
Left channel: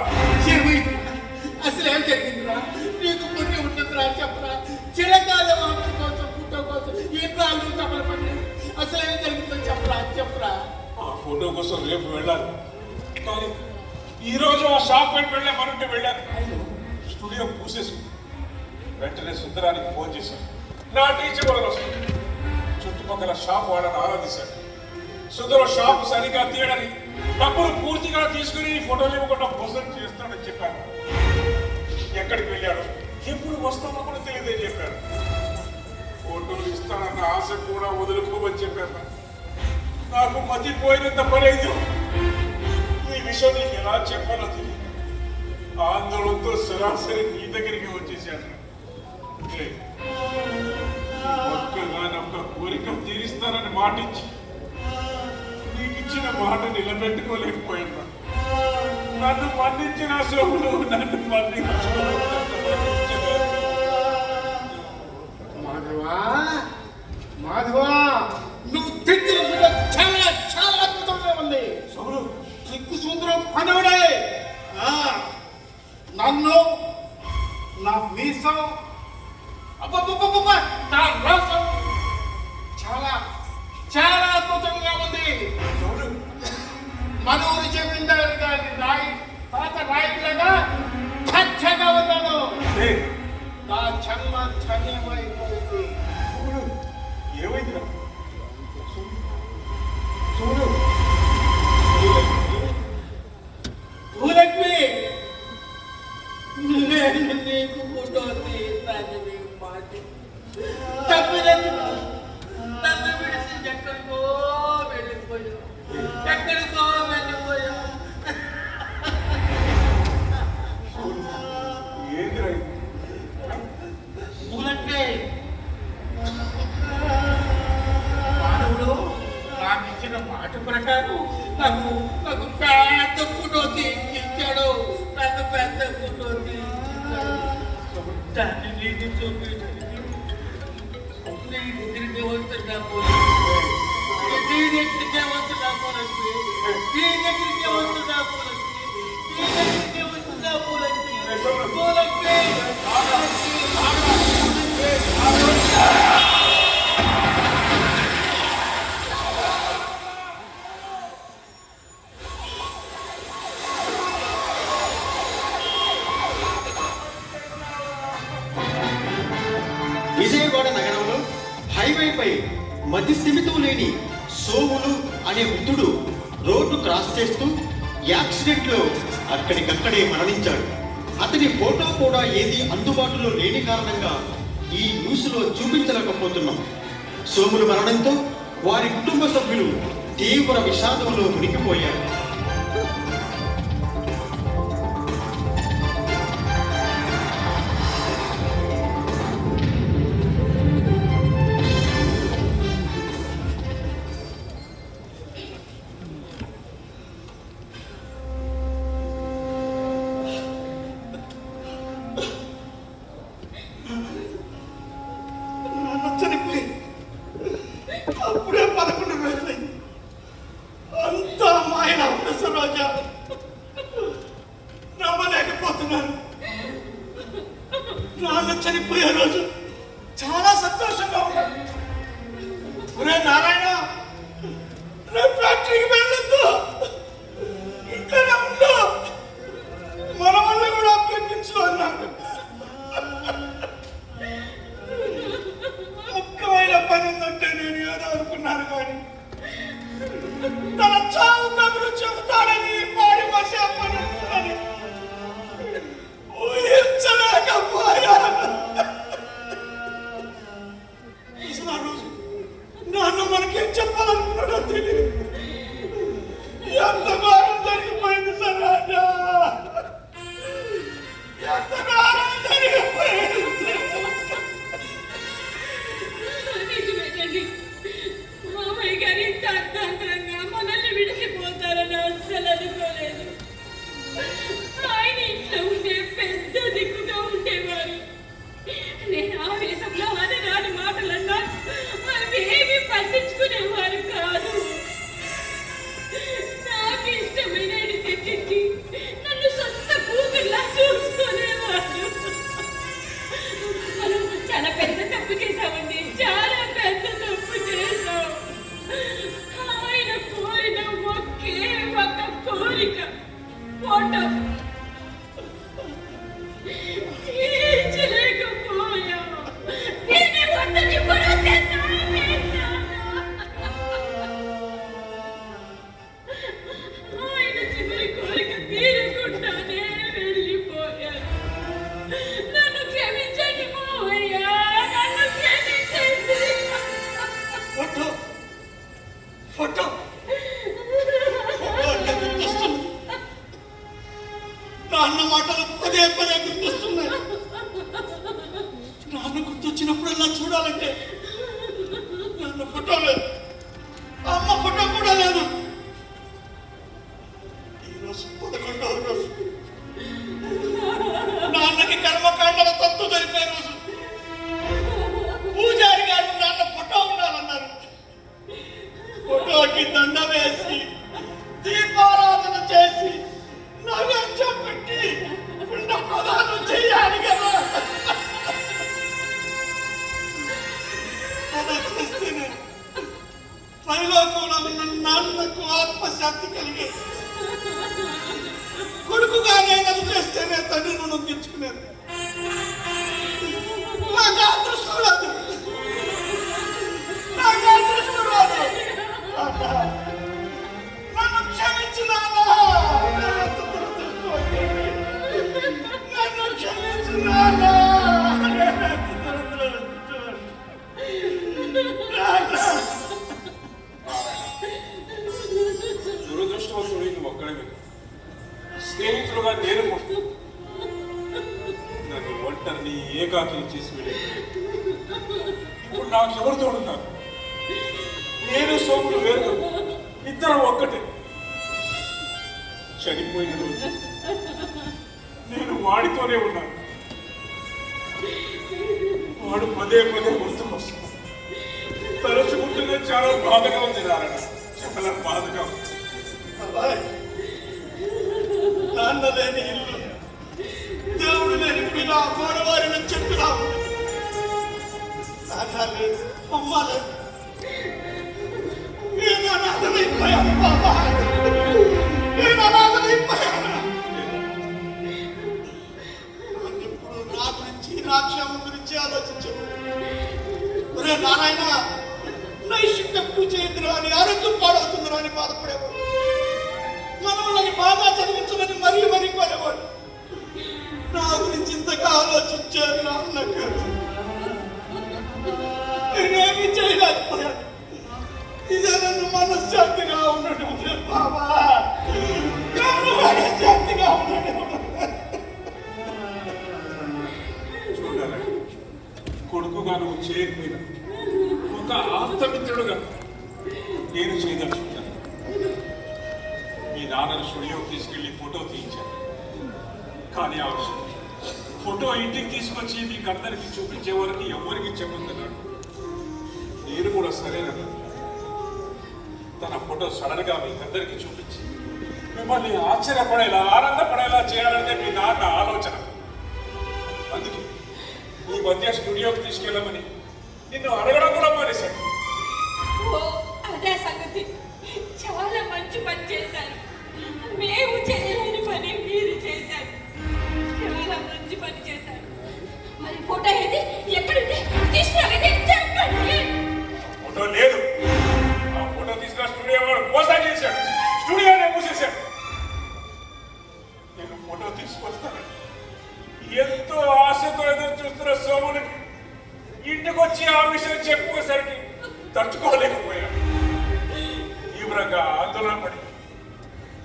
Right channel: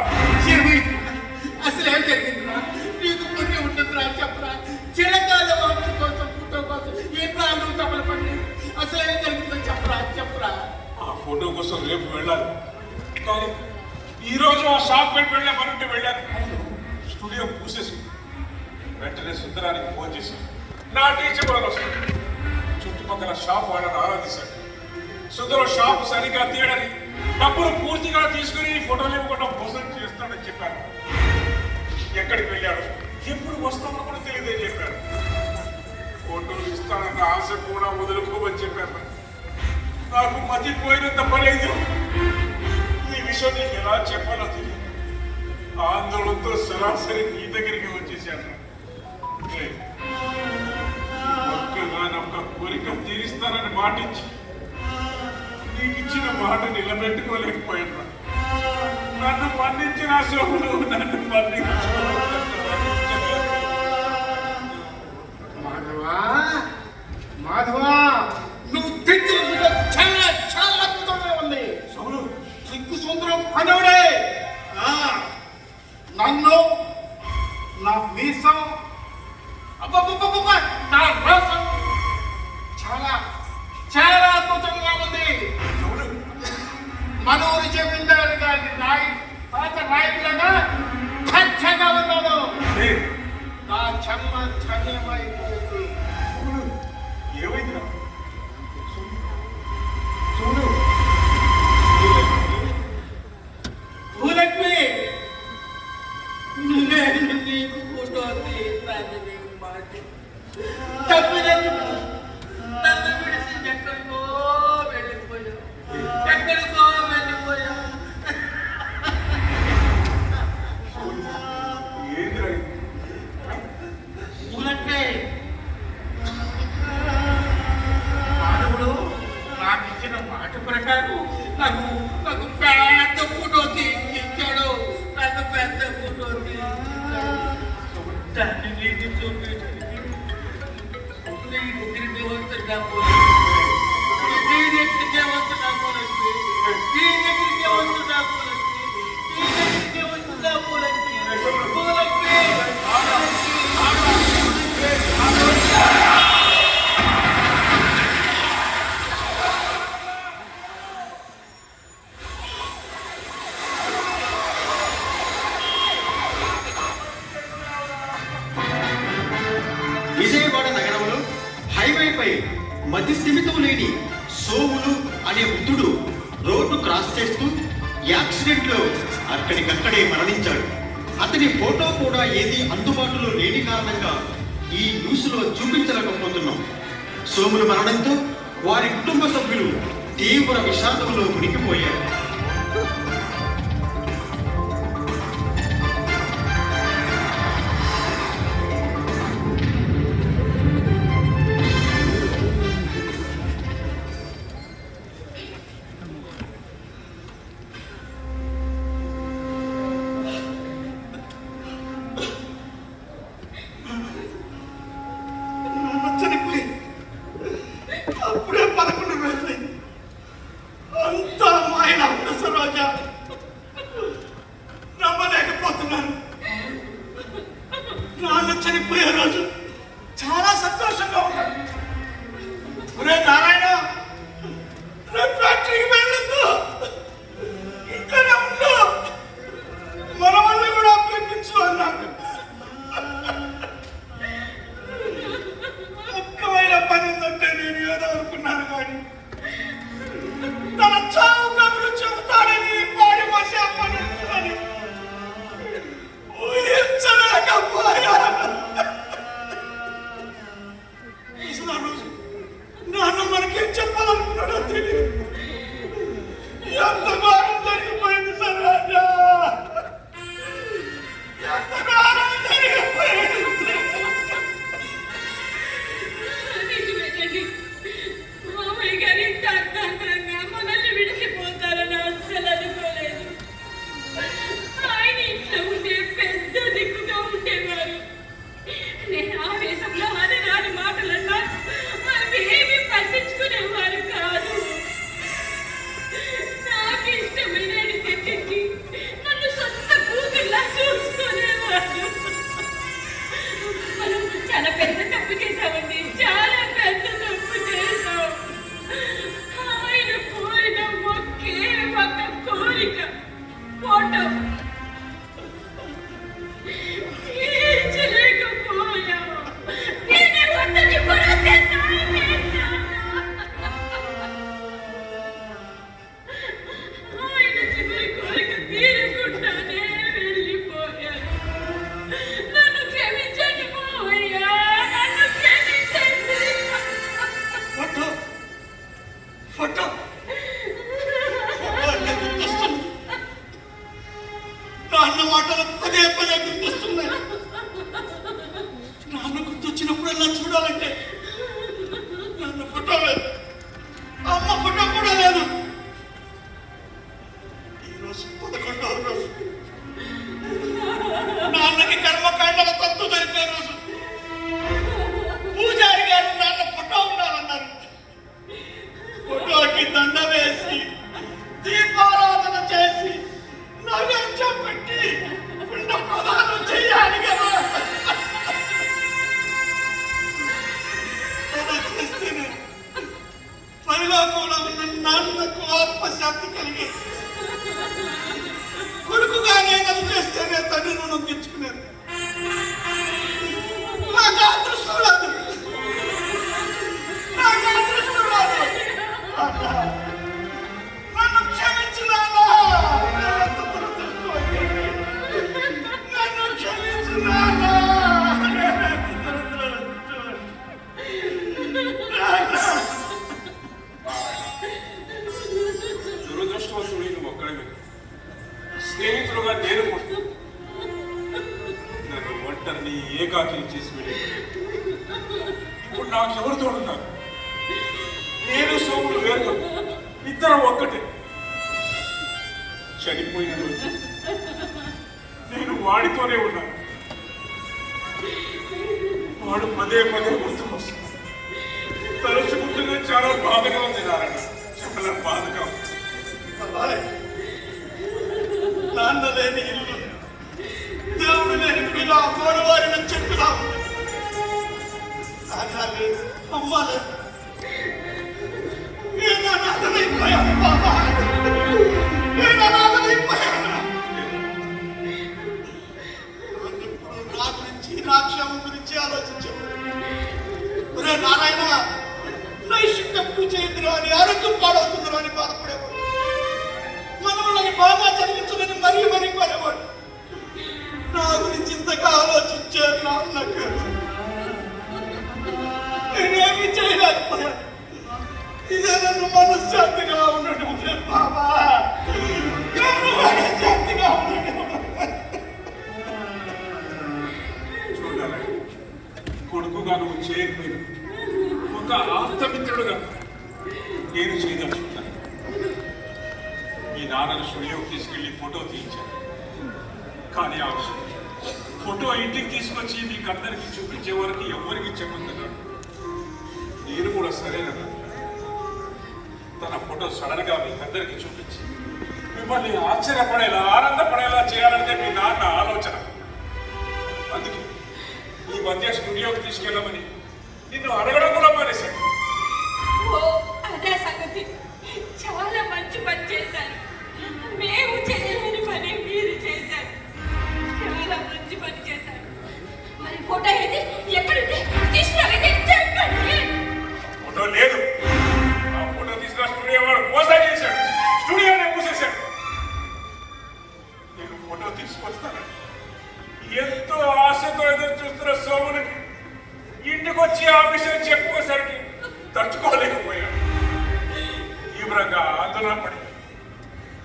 అసలు ఏం జరిగిందిరా? నీకు పుణ్యం ఉంటుందిరా, చెప్పరా. చిరకాల వంశ కోసం ఫోటో కోసం ఎన్నో తపలు పడి అసలు ఏం జరిగిందో చెప్పరా. ఆ ఫోటో కోసం రేపు వెళ్ళాలి. కానీ ఈ రోజు ఆ షాప్ పెట్టి వెళ్ళే మనంటే వెళ్ళాను. స్టూడియో పూసేసి వెంటనే సుందరానికి ఫోన్ చేశాను. నా టీచర్ వాళ్ళు వస్తుంది. చుట్టుపక్కల షాప్ వాళ్ళని ఆరాధిశాను. సుందరం షాప్ సరిగా తీయడని డబ్బులు పూర్తిగా తీసుకుని ఫోటోలు ఇవ్వకుండా మోసం చేస్తాడని చెప్పాను. ఎక్కడికి వెళ్ళాడు, ఎప్పుడు వస్తాడో కూడా తెలియదని చెప్పాడు. ఫోటోలు ఇస్తానన్న ఆశ కూడా వదులుకోమని చెప్పాను. నాకు మతిపోయినంత పనేది. ఈ విషయం నీకు ఎలా చెప్పాలో తెలియదు. ఆందోళనతో సరాసరి నీ దగ్గరికి వచ్చేసాను. ఒక్క కోరిక తీరుస్తానని మాటించి నీకు ఇచ్చిన మాట నిలబెట్టుకోలేకపోయినా నన్ను మన్నించిన శోభను నన్ను మాధవా, నువ్వు తెచ్చిన చాలా చాలా అద్భుతంగా ఉంది. సిగ్గు సుందరం పనుడే. నన్ను, నా మీసం, నా రసం చాలా చాలా అద్భుతంగా ఉంది. మనూరు జమీందారు గారి పాత నాయకులుగా చక్కగా ఉన్నాను. నా చెమ్మ ధన్యమైపోయింది. ఏమైంది చూడు. భూలక్ష్మి, నేను నీకు ఫోటో తీయడానికి మాట తప్పినందుకు ఎక్కడికో వెళ్ళిపోయా, ఎక్కడికో వెళ్ళిపోయా. ఏంటి పూలంటే మానవుడు నాకు ఇచ్చిన మాట ప్రకారం నాకు నాకు పెద్ద ఫోటోకి ఇచ్చాడు, పెద్ద ఫోటోకి దాన్ని నీకు చూపించడానికి నేను తిరిగివంతున్నా పోలేదు, నేను తిరిగివంతున్నా పోలేదు, నేను తిరిగివంతున్నా పోలేదు, నేను తిరిగివంతున్నా పోలేదు, పోలేదు. విజయవాడ నగరంలో హైవేపై మతి స్థిమితం లేని సోములు అనే వృద్ధుడు రోడ్డు క్రాస్ చేస్తూ యాక్సిడెంట్ లో అక్కడికక్కడే మరణించాడు. అతని ఫోటో కూడా ఏది అందుబాటులో లేని కారణంగా ఈ న్యూస్ లో చూపించలేకపోతున్నాం. సోములు మరణంతో వారి కుటుంబ సభ్యులు తీవ్ర విషాదంలో మునిగిపోయారు. చనిపోయి అప్పుడే 11 రోజులైంది. అంతా మాయ సరోజా, నమ్మలేకపోతున్నాను. నాన్న చనిపోయే రోజు చాలా సంతోషంగా ఉన్నాడు. ఒరే నారాయణ, రేపు ఫ్యాక్టరీకి వెళ్ళొద్దు, ఇక్కడే ఉండు, మన వల్ల కూడా పిలిపించు అన్నాడు. ముఖ్యమైన పని ఉందంటే నేను ఏదో అనుకున్నాను, కానీ తన చావు కబురు చెబుతాడని పాడి మసి అప్పని ఊహించలేకపోయాను. అసలు ఆ రోజు నాన్న మనకేం చెప్పాలనుకున్నాడో తెలియదు. ఎంత ఘోరం జరిగిపోయింది సరోజా, ఎంత ఘోరం జరిగిపోయింది. నిజమేనండి, మామయ్య గారు ఇంత అర్థాంతరంగా మనల్ని విడిచిపోతారని అస్సలు అనుకోలేదు. ఆయన ఇంట్లో ఉండే పెద్ద దిక్కుగా ఉండేవారు. నేను ఆవేశంలో అనరాని మాటలన్నా అవి ఏమీ పట్టించుకునేవారు కాదు. నాకు ఇష్టమైనది తెచ్చించి నన్ను సొంత కూతుర్లా చూసుకునేవారు. మనం చాలా పెద్ద తప్పు చేశామండి, చాలా పెద్ద తప్పు చేశాం. ఆయన కోరిన ఒకే ఒక కోరిక ఫోటో తీర్చలేకపోయాం. దీన్ని వద్దని కూడా ఆయన చివరి కోరిక తీరకుండానే వెళ్ళిపోయారు. నన్ను క్షమించండి మావయ్య, నన్ను క్షమించండి. ఫోటో ఫోటో ఫోటో అంటే గుర్తొస్తుంది. నాన్న మాటలు పదే పదే గుర్తొస్తున్నాయి. నాన్న గుర్తొచ్చినప్పుడల్లా చూడాలంటే నాన్న ఫోటో లేదు, అమ్మ ఫోటో కూడా లేదు. ఈరోజు 11వ రోజు, నాన్నకి కర్మకాండల తత్తు జరిపే రోజు. పూజారి గారు నాన్న ఫోటో ఉండాలన్నారు. ఫోటోకి దండ వేసి దీపారాధన చేసి నైవేద్యం పెట్టి పిండ ప్రదానం చెయ్యాలి కదా. అలా చేస్తేనే పరలోకంలో ఉన్న నాన్నకు ఆత్మశాంతి కలిగి, కొడుకుగా నేను అది చేస్తేనే తండ్రి రుణం తెచ్చుకునేది. నాకు అదృష్టం లేదు, నాకు అదృష్టం లేదు. నన్ను క్షమించు నాన్నా, నన్ను క్షమించు నాన్నా. అందరినీ ఏకాకిని చేసి వెళ్ళి ఇప్పుడు నాకెవరు తోడున్నారు? నేను సోములు వేరు, ఇద్దరం ఒక్కటే. చనిపోయిన రోజు నేను వాడితోనే ఉన్నాను. వాడు పదే పదే గుర్తుకొస్తాను. తలుచుకుంటూనే చాలా బాధగా ఉంది నారాయణ, చాలా బాధగా ఉంది. అబ్బాయి, నాన్న లేని ఇల్లు, దేవుడు లేని పిల్ల, మూడవారిని చెప్తున్నావు. నాన్న లేదు, అమ్మ లేదు. నేను అనాథమైపోయాను బాబా, నేను అనాథమైపోయాను. నా గురించి, నా క్షేమం గురించి ఆలోచించాను. ఒరే నారాయణ, నైషిక్ తప్పు చేయొద్దురా అని, ఆరోగ్యం పాడవుతుందిరా అని బాధపడేవాడు. మనల్ని బాగా చదివించమని మరీ మరీ పడేవాడు. నా గురించి ఇంతగా ఆలోచించాను నాన్నకు. నేనేమి చేయలేకపోయాను. ఇదే నన్ను మనశ్శాంతిగా ఉండడం బాబా, నన్ను మనశ్శాంతిగా ఉండడం. చూడాలి, కొడుకుగా నువ్వు చేయకపోయినా ఒక ఆప్తమిత్రుడుగా నేను చేయదలుచుకున్నాను. మీ నాన్నను స్టూడియోకి తీసుకెళ్లి ఫోటో తీయించాను. కానీ ఆ విషయం ఫోటో ఇంటికి తీసుకొచ్చి మీకు అందరికీ చూపించే వరకు ఎవరికి చెప్పొద్దన్నాడు. నేను కూడా సరేనన్నా. తన ఫోటో సడన్ గా మీకు అందరికీ చూపించి మిమ్మల్ని ఆశ్చర్యపడేలా, ఆనందపడేలా చేయాలనే మీ నాన్న ఆలోచన. అందుకే ఈ మధ్య స్టూడియోకి తీసుకెళ్ళమని నిన్ను అడగడం కూడా మానేశాడు. ఓ, అదే సంగతి. చాలా మంచి పని చేశారు. మేము చేయలేని పని మీరు చేశారు. చాలా మంచి పని చేశారు. మరి ఫోటో ఏది? ఎక్కడుంది? తీసుకురాలేదే? చెప్పండి. ఫోటో లేదు. ఆ ఫోటో తీసుకున్న స్టూడియో వాడు మోసం చేశాడు. స్టూడియోనే మూసేశాడు. నేను ఫోటో తీసుకొస్తాను ఎంతో ఆశతో ఎదురు చూస్తున్న సోముని ఇంటికి వచ్చి ఆ విషయం చెప్పుకోసరికి తట్టుకోలేకపోయాను. తీవ్రంగా ఆందోళన పడి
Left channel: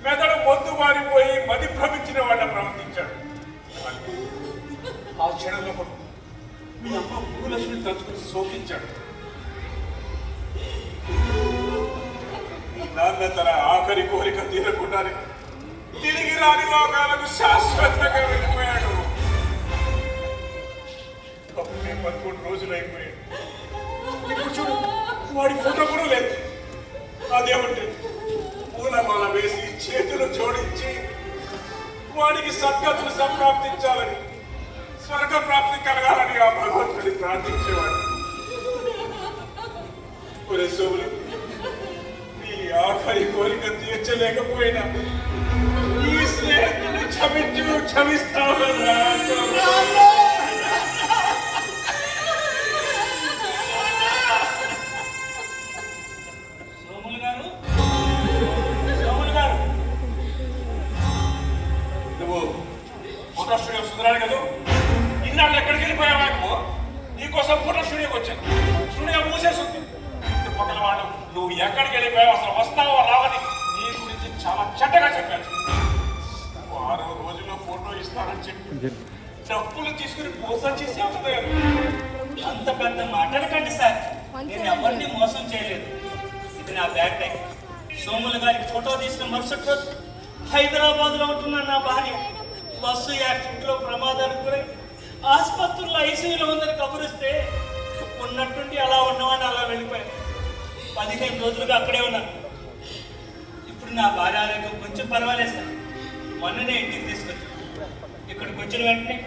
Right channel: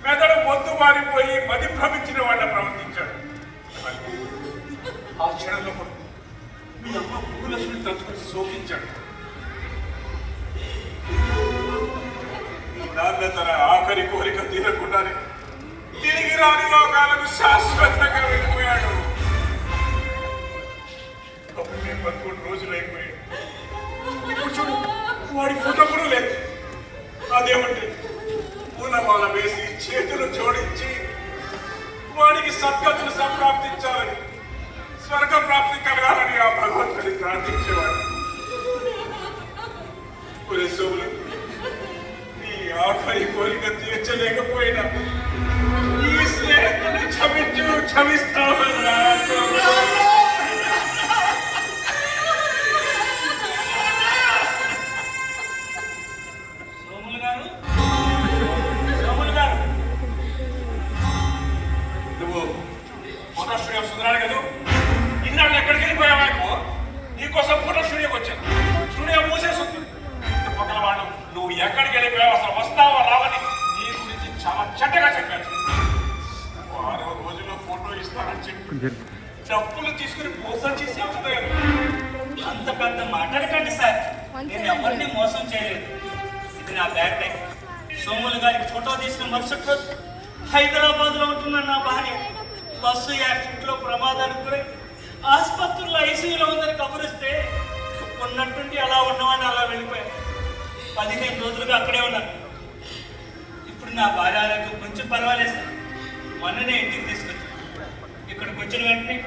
మెదడు మొద్దు మారిపోయి మది భ్రమించిన వాళ్ళ ప్రవర్తించాడు. ఆ క్షణంలో మీ అమ్మ భూలక్ష్మిని తలుచుకొని శోకించాడు. నాన్న తన ఆఖరి కోరిక తీరకుండానే తిరిగి రాని లోకాలకు శాశ్వతంగా వెళ్ళిపోయాడు. అప్పుడే 11 రోజులు అయిపోయాడు. ఇప్పుడు చూడు, వాడి ఫోటో కూడా లేదు. అదేమంటే పూలమాల వేసి చేతులు జోడించి వాడికి సద్గతులు సంప్రాప్తించాలని, స్వర్గ ప్రాప్తి కలగాలని ఆ భగవంతుని ప్రార్థించేవాడు. కొన్ని సోములు నీ ఆఖరి కోరిక తీర్చలేకపోయినా ఈ స్నేహితుని క్షమిస్తావన్నా. నువ్వు ఫోటో స్టూడియో సుందరాడు కదా, ఇన్నాళ్ళు ఎక్కడికి వెళ్ళిపోయావు? నీకోసం ఫోటో స్టూడియోకి వచ్చాను. స్టూడియో మూసేస్తుంది. పక్కన వాడు నువ్వు ఎక్కడికి వెళ్ళిపోయావు, అసలు వస్తావా రావని నీ గురించి చాలా చెడ్డగా చెప్పాను. 6 రోజుల్లో ఫోటో ఇస్తానని చెప్పి డబ్బులు తీసుకుని మోసం చేసి వస్తాను. అంత పెద్ద మాట్లాడకండి సార్. నేను ఎవరిని మోసం చేయలేదు. ఇది నా బ్యాక్ టైం. సోములు గారికి ఫోటో తీసుకుని మరుసటి రోజు హైదరాబాద్ లో ఉంటున్న నా భార్య బస్సు యాక్సిడెంట్ లో ప్రమాదానికి గురై ఆసుపత్రిలో ఐసీయూలో ఉందని కబురిస్తే ఉన్నట్టుండి అలా ఉన్నామని అలా వెళ్ళిపోయాను. 15 రోజులుగా అక్కడే ఉన్నాను. ఇప్పుడు నా భార్య ఆరోగ్యం కొంచెం పర్వాలేదు సార్. మొన్ననే ఇంటికి తీసుకొచ్చాను. ఇక్కడికి వచ్చిన వెంటనే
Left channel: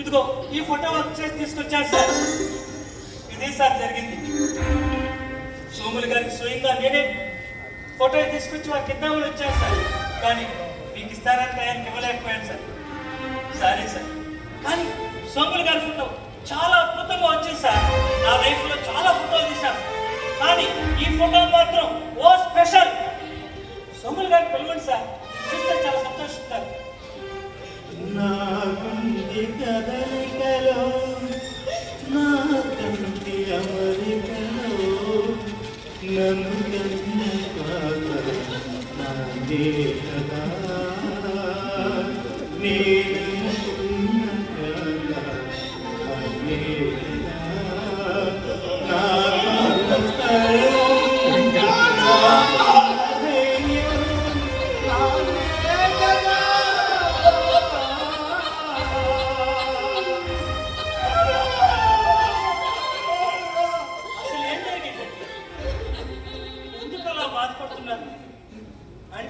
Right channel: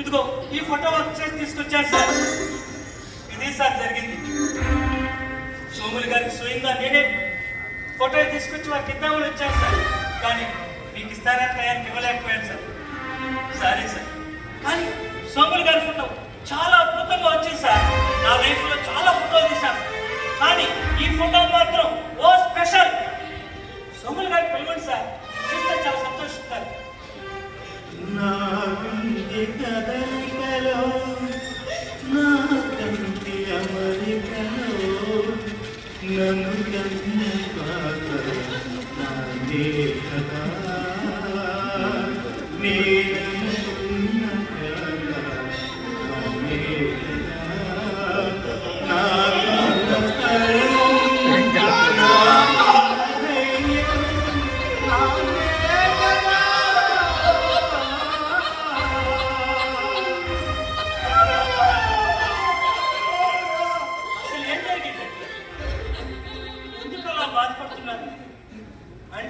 ఇదిగో ఈ ఫోటో వర్క్ చేసి తీసుకొచ్చాను సార్. ఇదే సార్ జరిగింది. సోములు గారికి స్వయంగా నేనే ఫోటో తీసుకొచ్చి వారికి ఇద్దామని వచ్చాను సార్. కానీ మీకు ఇస్తానని ఆయనకి ఇవ్వలేకపోయాను సార్. Sorry sir. కానీ సోములు గారి ఫోటో చాలా అద్భుతంగా వచ్చింది సార్. నా లైఫ్ లో చాలా ఫోటోలు తీశాను. కానీ ఈ ఫోటో మాత్రం ఓ స్పెషల్. సోములు గారికి పిలవండి సార్. చూస్తే చాలా సంతోషిస్తారు. నా గుండె కదలికలో, నా కంటి అమరికలో, నన్ను కన్న పాప నాదే కదా, నేననుకున్న కల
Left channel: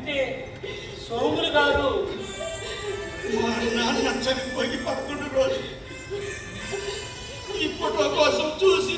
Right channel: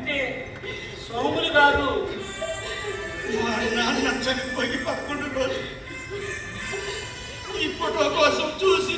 అంటే సోములు గారు మా నాన్న చనిపోయి 11 రోజులు ఈ ఫోటో కోసం చూసి